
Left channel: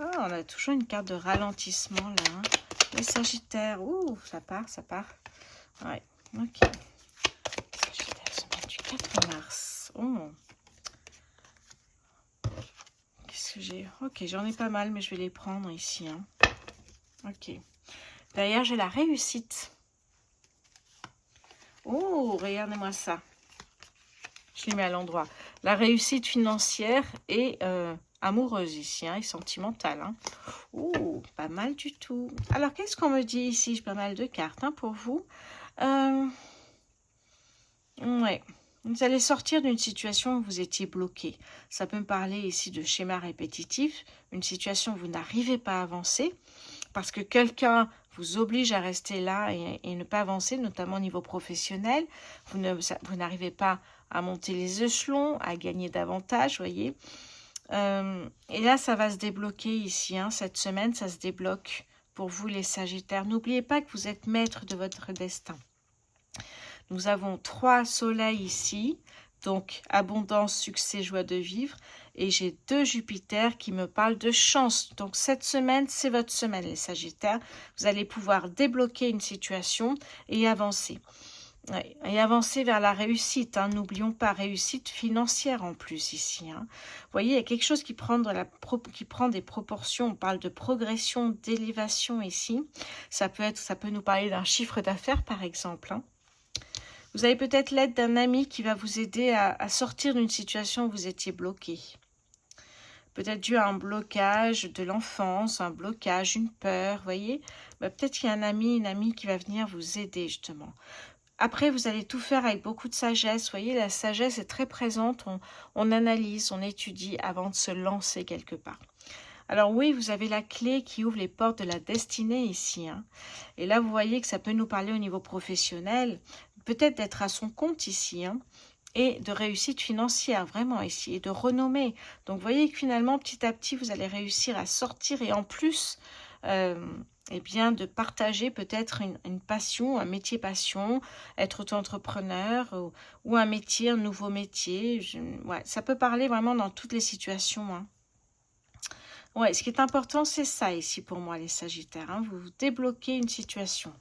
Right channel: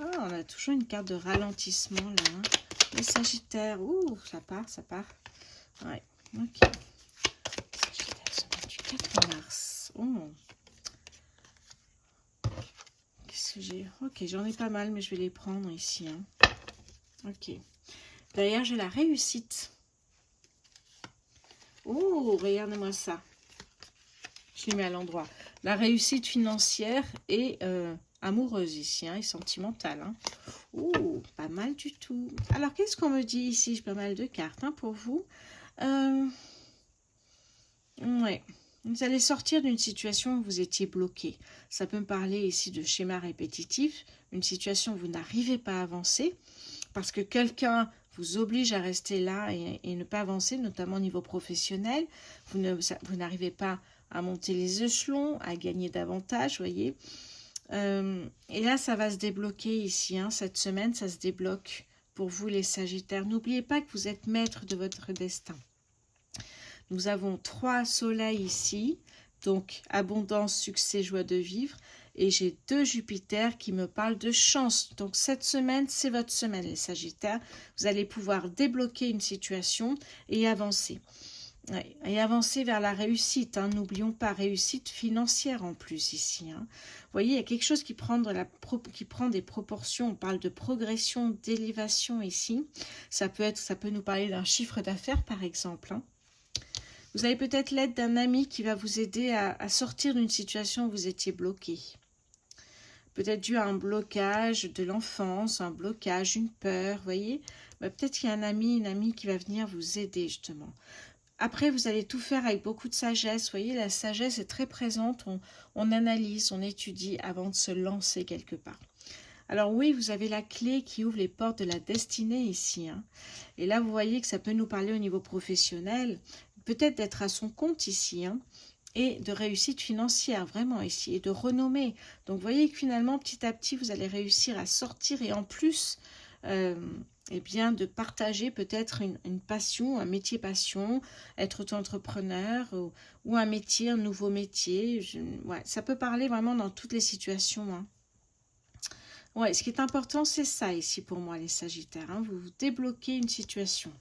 Oh, on a toujours une carte de ralentissement là. Hein. Les Sagittaires, ouh, ça part, ça part. Ouais, ok. Sagittaire, semaine du 4 mars. Oh. Qu'est-ce que j'ai? Ok, j'en ai pas mal, mais je vais les prendre ici. Hein. Ok. D'ailleurs, j'ai la réussite. Oh, regardez-moi ça. Je l'ai mis à l'endroit. La réussite financière et amoureuse ici, hein, et sentimentale. Hein. Oh, pas mal du tout. Alors, qu'est-ce qu'on me dit ici? J'ai pas mal de cartes hein, pour vous. Ouais. Vous allez sortir d'une situation où vous étiez bloqué. Ça peut me parler ici de schéma répétitif, une situation où vous n'arrivez pas à avancer parce que quelqu'un vous oblige à rester là et ne pas avancer, notamment au niveau professionnel. Vous n'arrivez pas à monter les échelons, à gagner davantage, voyez. Et là, ça va se débloquer ici. Hein, cette semaine, ça se débloque pour vous, les Sagittaires. N'oubliez pas que vous êtes maître de votre destin. Nous avons 3 soleils ici, donc abondance, succès, joie de vivre. Et j'ai 2 Jupiter qui me parlent de chance. Donc cette semaine, c'est votre semaine, les Sagittaires. Vous allez pouvoir débloquer une situation et avancer. Ouais, et avancer vers la réussite. Hein. N'oublions pas, réussite financière en plus ici. Hein. Vous voyez, il y a quelque chose qui prend des proportions. On parle de progression, d'élévation ici. Ça peut nous parler d'un chiffre d'affaires, par exemple. Hein. Vous avez peut-être l'aide d'un ami qui va vous aider à sortir d'une situation où vous étiez bloqué. peut-être dû à un blocage de l'enfance, un blocage, une peur, vous voyez. Peut-être qu'il y a un ami, une amie qui va venir vous aider justement. Après, vous allez tout faire avec beaucoup de sagesse. Vous voyez, la sagesse est très présente. On analyse, on étudie avant de se lancer quelque part. Alors oui, vous avez la clé qui ouvre les portes de la destinée ici. Hein. Et là, vous voyez que ça peut nous parler au niveau professionnel. Peut-être d'être à son compte ici. Hein, et de réussite financière, vraiment ici. Et de renommée. Donc, vous voyez que finalement, petit à petit, vous allez réussir à sortir. Et en plus... eh bien, de partager peut-être une passion, un métier passion, être auto-entrepreneur ou un métier, un nouveau métier. Ouais, ça peut parler vraiment dans toutes les situations. Hein. Ouais, ce qui est important, c'est ça ici pour moi, les Sagittaires. Hein. Vous débloquez une situation.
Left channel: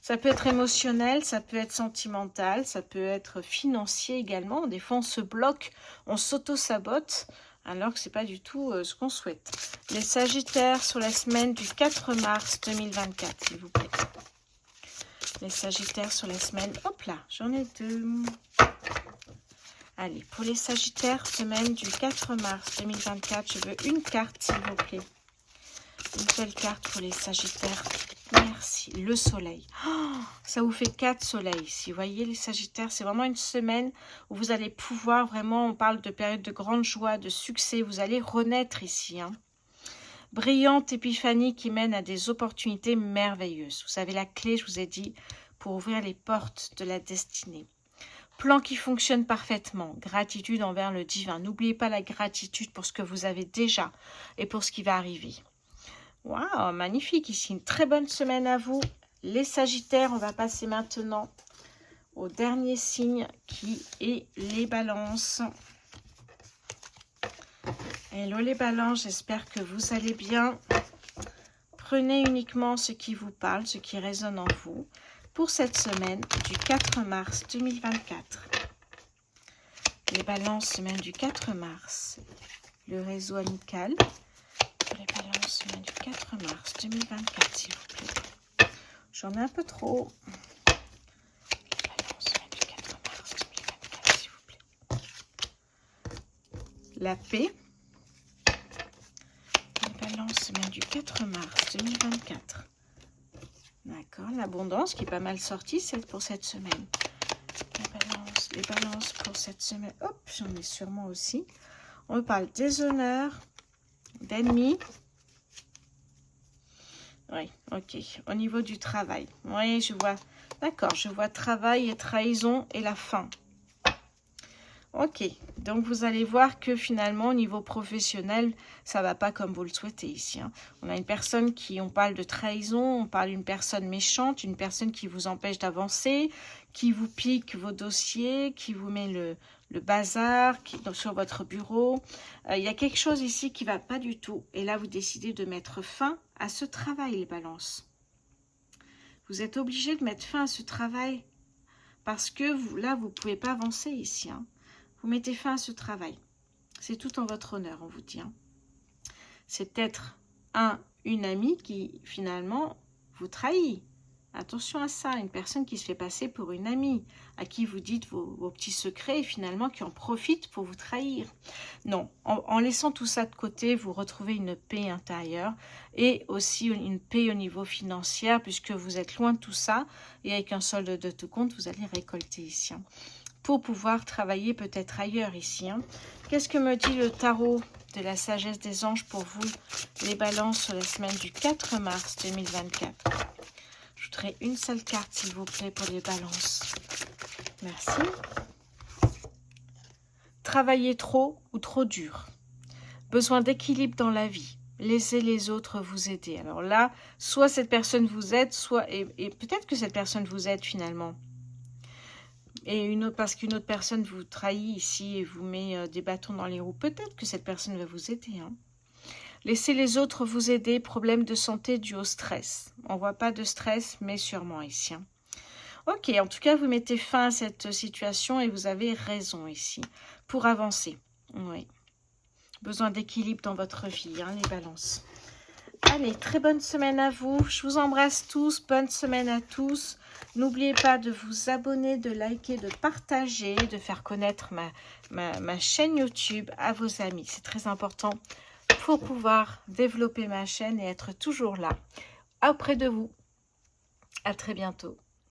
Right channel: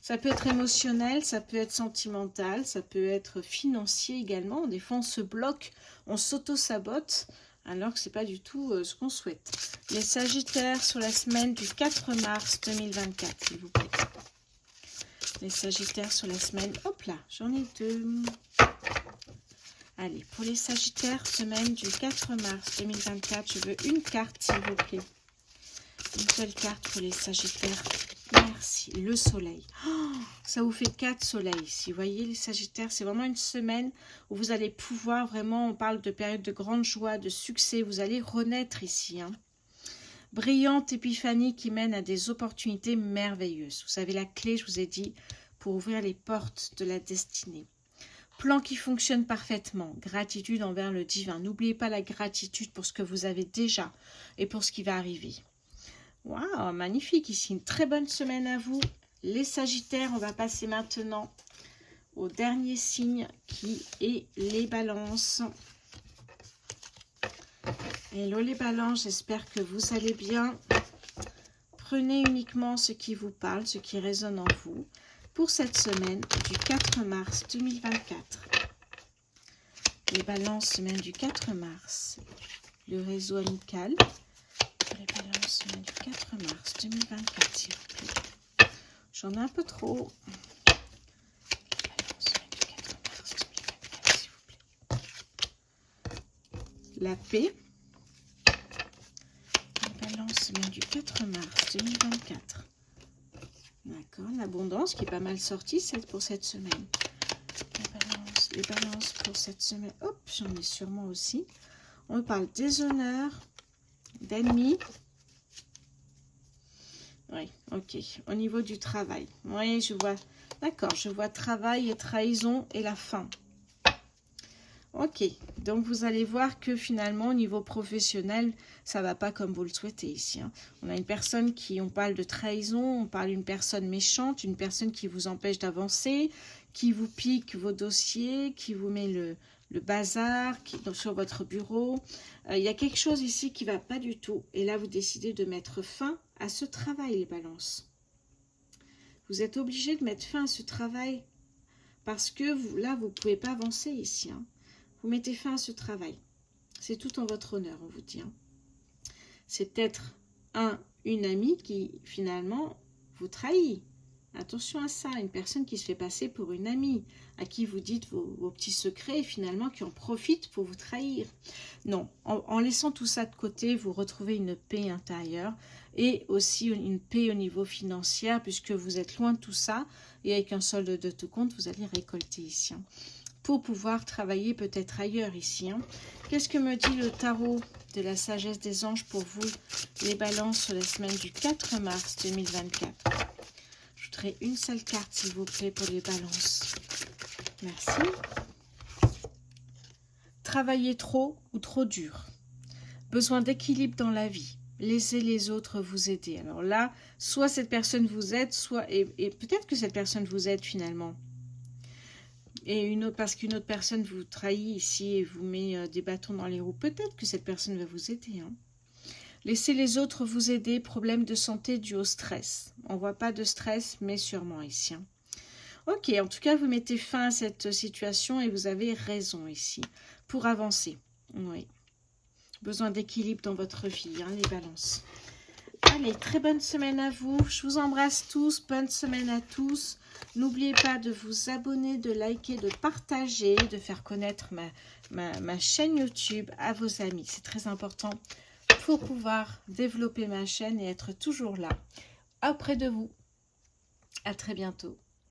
Ça peut être émotionnel, ça peut être sentimental, ça peut être financier également. Des fois, on se bloque, on s'auto-sabote. Alors que ce n'est pas du tout ce qu'on souhaite. Les Sagittaires sur la semaine du 4 mars 2024, s'il vous plaît. Les Sagittaires sur la semaine... Hop là, j'en ai 2. Allez, pour les Sagittaires, semaine du 4 mars 2024, je veux une carte, s'il vous plaît. Une seule carte pour les Sagittaires. Merci. Le soleil. Oh, ça vous fait 4 soleils ici. Vous voyez, les Sagittaires, c'est vraiment une semaine où vous allez pouvoir vraiment, on parle de période de grande joie, de succès. Vous allez renaître ici. Hein. Brillante épiphanie qui mène à des opportunités merveilleuses. Vous avez la clé, je vous ai dit, pour ouvrir les portes de la destinée. Plan qui fonctionne parfaitement. Gratitude envers le divin. N'oubliez pas la gratitude pour ce que vous avez déjà et pour ce qui va arriver. Waouh, magnifique ici. Une très bonne semaine à vous. Les Sagittaires, on va passer maintenant au dernier signe qui est les Balances. Hello les Balances, j'espère que vous allez bien. Prenez uniquement ce qui vous parle, ce qui résonne en vous pour cette semaine du 4 mars 2024. Les Balances, semaine du 4 mars. Le réseau amical. Les Balances, semaine du 4 mars 2024, s'il vous plaît. J'en ai un peu trop. Les Balances, semaine du 4 mars 2024, s'il vous plaît. La paix. Les Balances, semaine du 4 mars 2024. D'accord, l'abondance qui est pas mal sortie, c'est pour cette semaine. Les balances pour cette semaine. Hop, j'en ai sûrement aussi. On parle des honneurs, d'ennemis. Oui, ok. Au niveau du travail. Oui, je vois. D'accord, je vois travail et trahison et la fin. Ok, donc vous allez voir que finalement, au niveau professionnel, ça ne va pas comme vous le souhaitez ici. Hein. On a une personne qui, on parle de trahison, on parle d'une personne méchante, une personne qui vous empêche d'avancer, qui vous pique vos dossiers, qui vous met le bazar sur votre bureau. Il y a quelque chose ici qui ne va pas du tout. Et là, vous décidez de mettre fin à ce travail, les balances. Vous êtes obligé de mettre fin à ce travail parce que vous, là, vous ne pouvez pas avancer ici. Hein. Vous mettez fin à ce travail. C'est tout en votre honneur, on vous dit. Hein. C'est peut-être une amie qui, finalement, vous trahit. Attention à ça, une personne qui se fait passer pour une amie, à qui vous dites vos petits secrets et finalement qui en profite pour vous trahir. Non, en laissant tout ça de côté, vous retrouvez une paix intérieure et aussi une paix au niveau financier puisque vous êtes loin de tout ça et avec un solde de tout compte, vous allez récolter ici. Hein, pour pouvoir travailler peut-être ailleurs ici. Hein. Qu'est-ce que me dit le tarot de la sagesse des anges pour vous, les balances sur la semaine du 4 mars 2024? J'ajouterai une seule carte, s'il vous plaît, pour les balances. Merci. Travailler trop ou trop dur. Besoin d'équilibre dans la vie. Laissez les autres vous aider. Alors là, soit cette personne vous aide, soit et peut-être que cette personne vous aide finalement. Et parce qu'une autre personne vous trahit ici et vous met des bâtons dans les roues. Peut-être que cette personne va vous aider. Hein. Laissez les autres vous aider. Problème de santé dû au stress. On ne voit pas de stress, mais sûrement ici. Hein. Ok, en tout cas, vous mettez fin à cette situation et vous avez raison ici. Pour avancer. Oui. Besoin d'équilibre dans votre vie, hein, les balances. Allez, très bonne semaine à vous. Je vous embrasse tous. Bonne semaine à tous. N'oubliez pas de vous abonner, de liker, de partager, de faire connaître ma chaîne YouTube à vos amis. C'est très important pour pouvoir développer ma chaîne et être toujours là, auprès de vous. À très bientôt.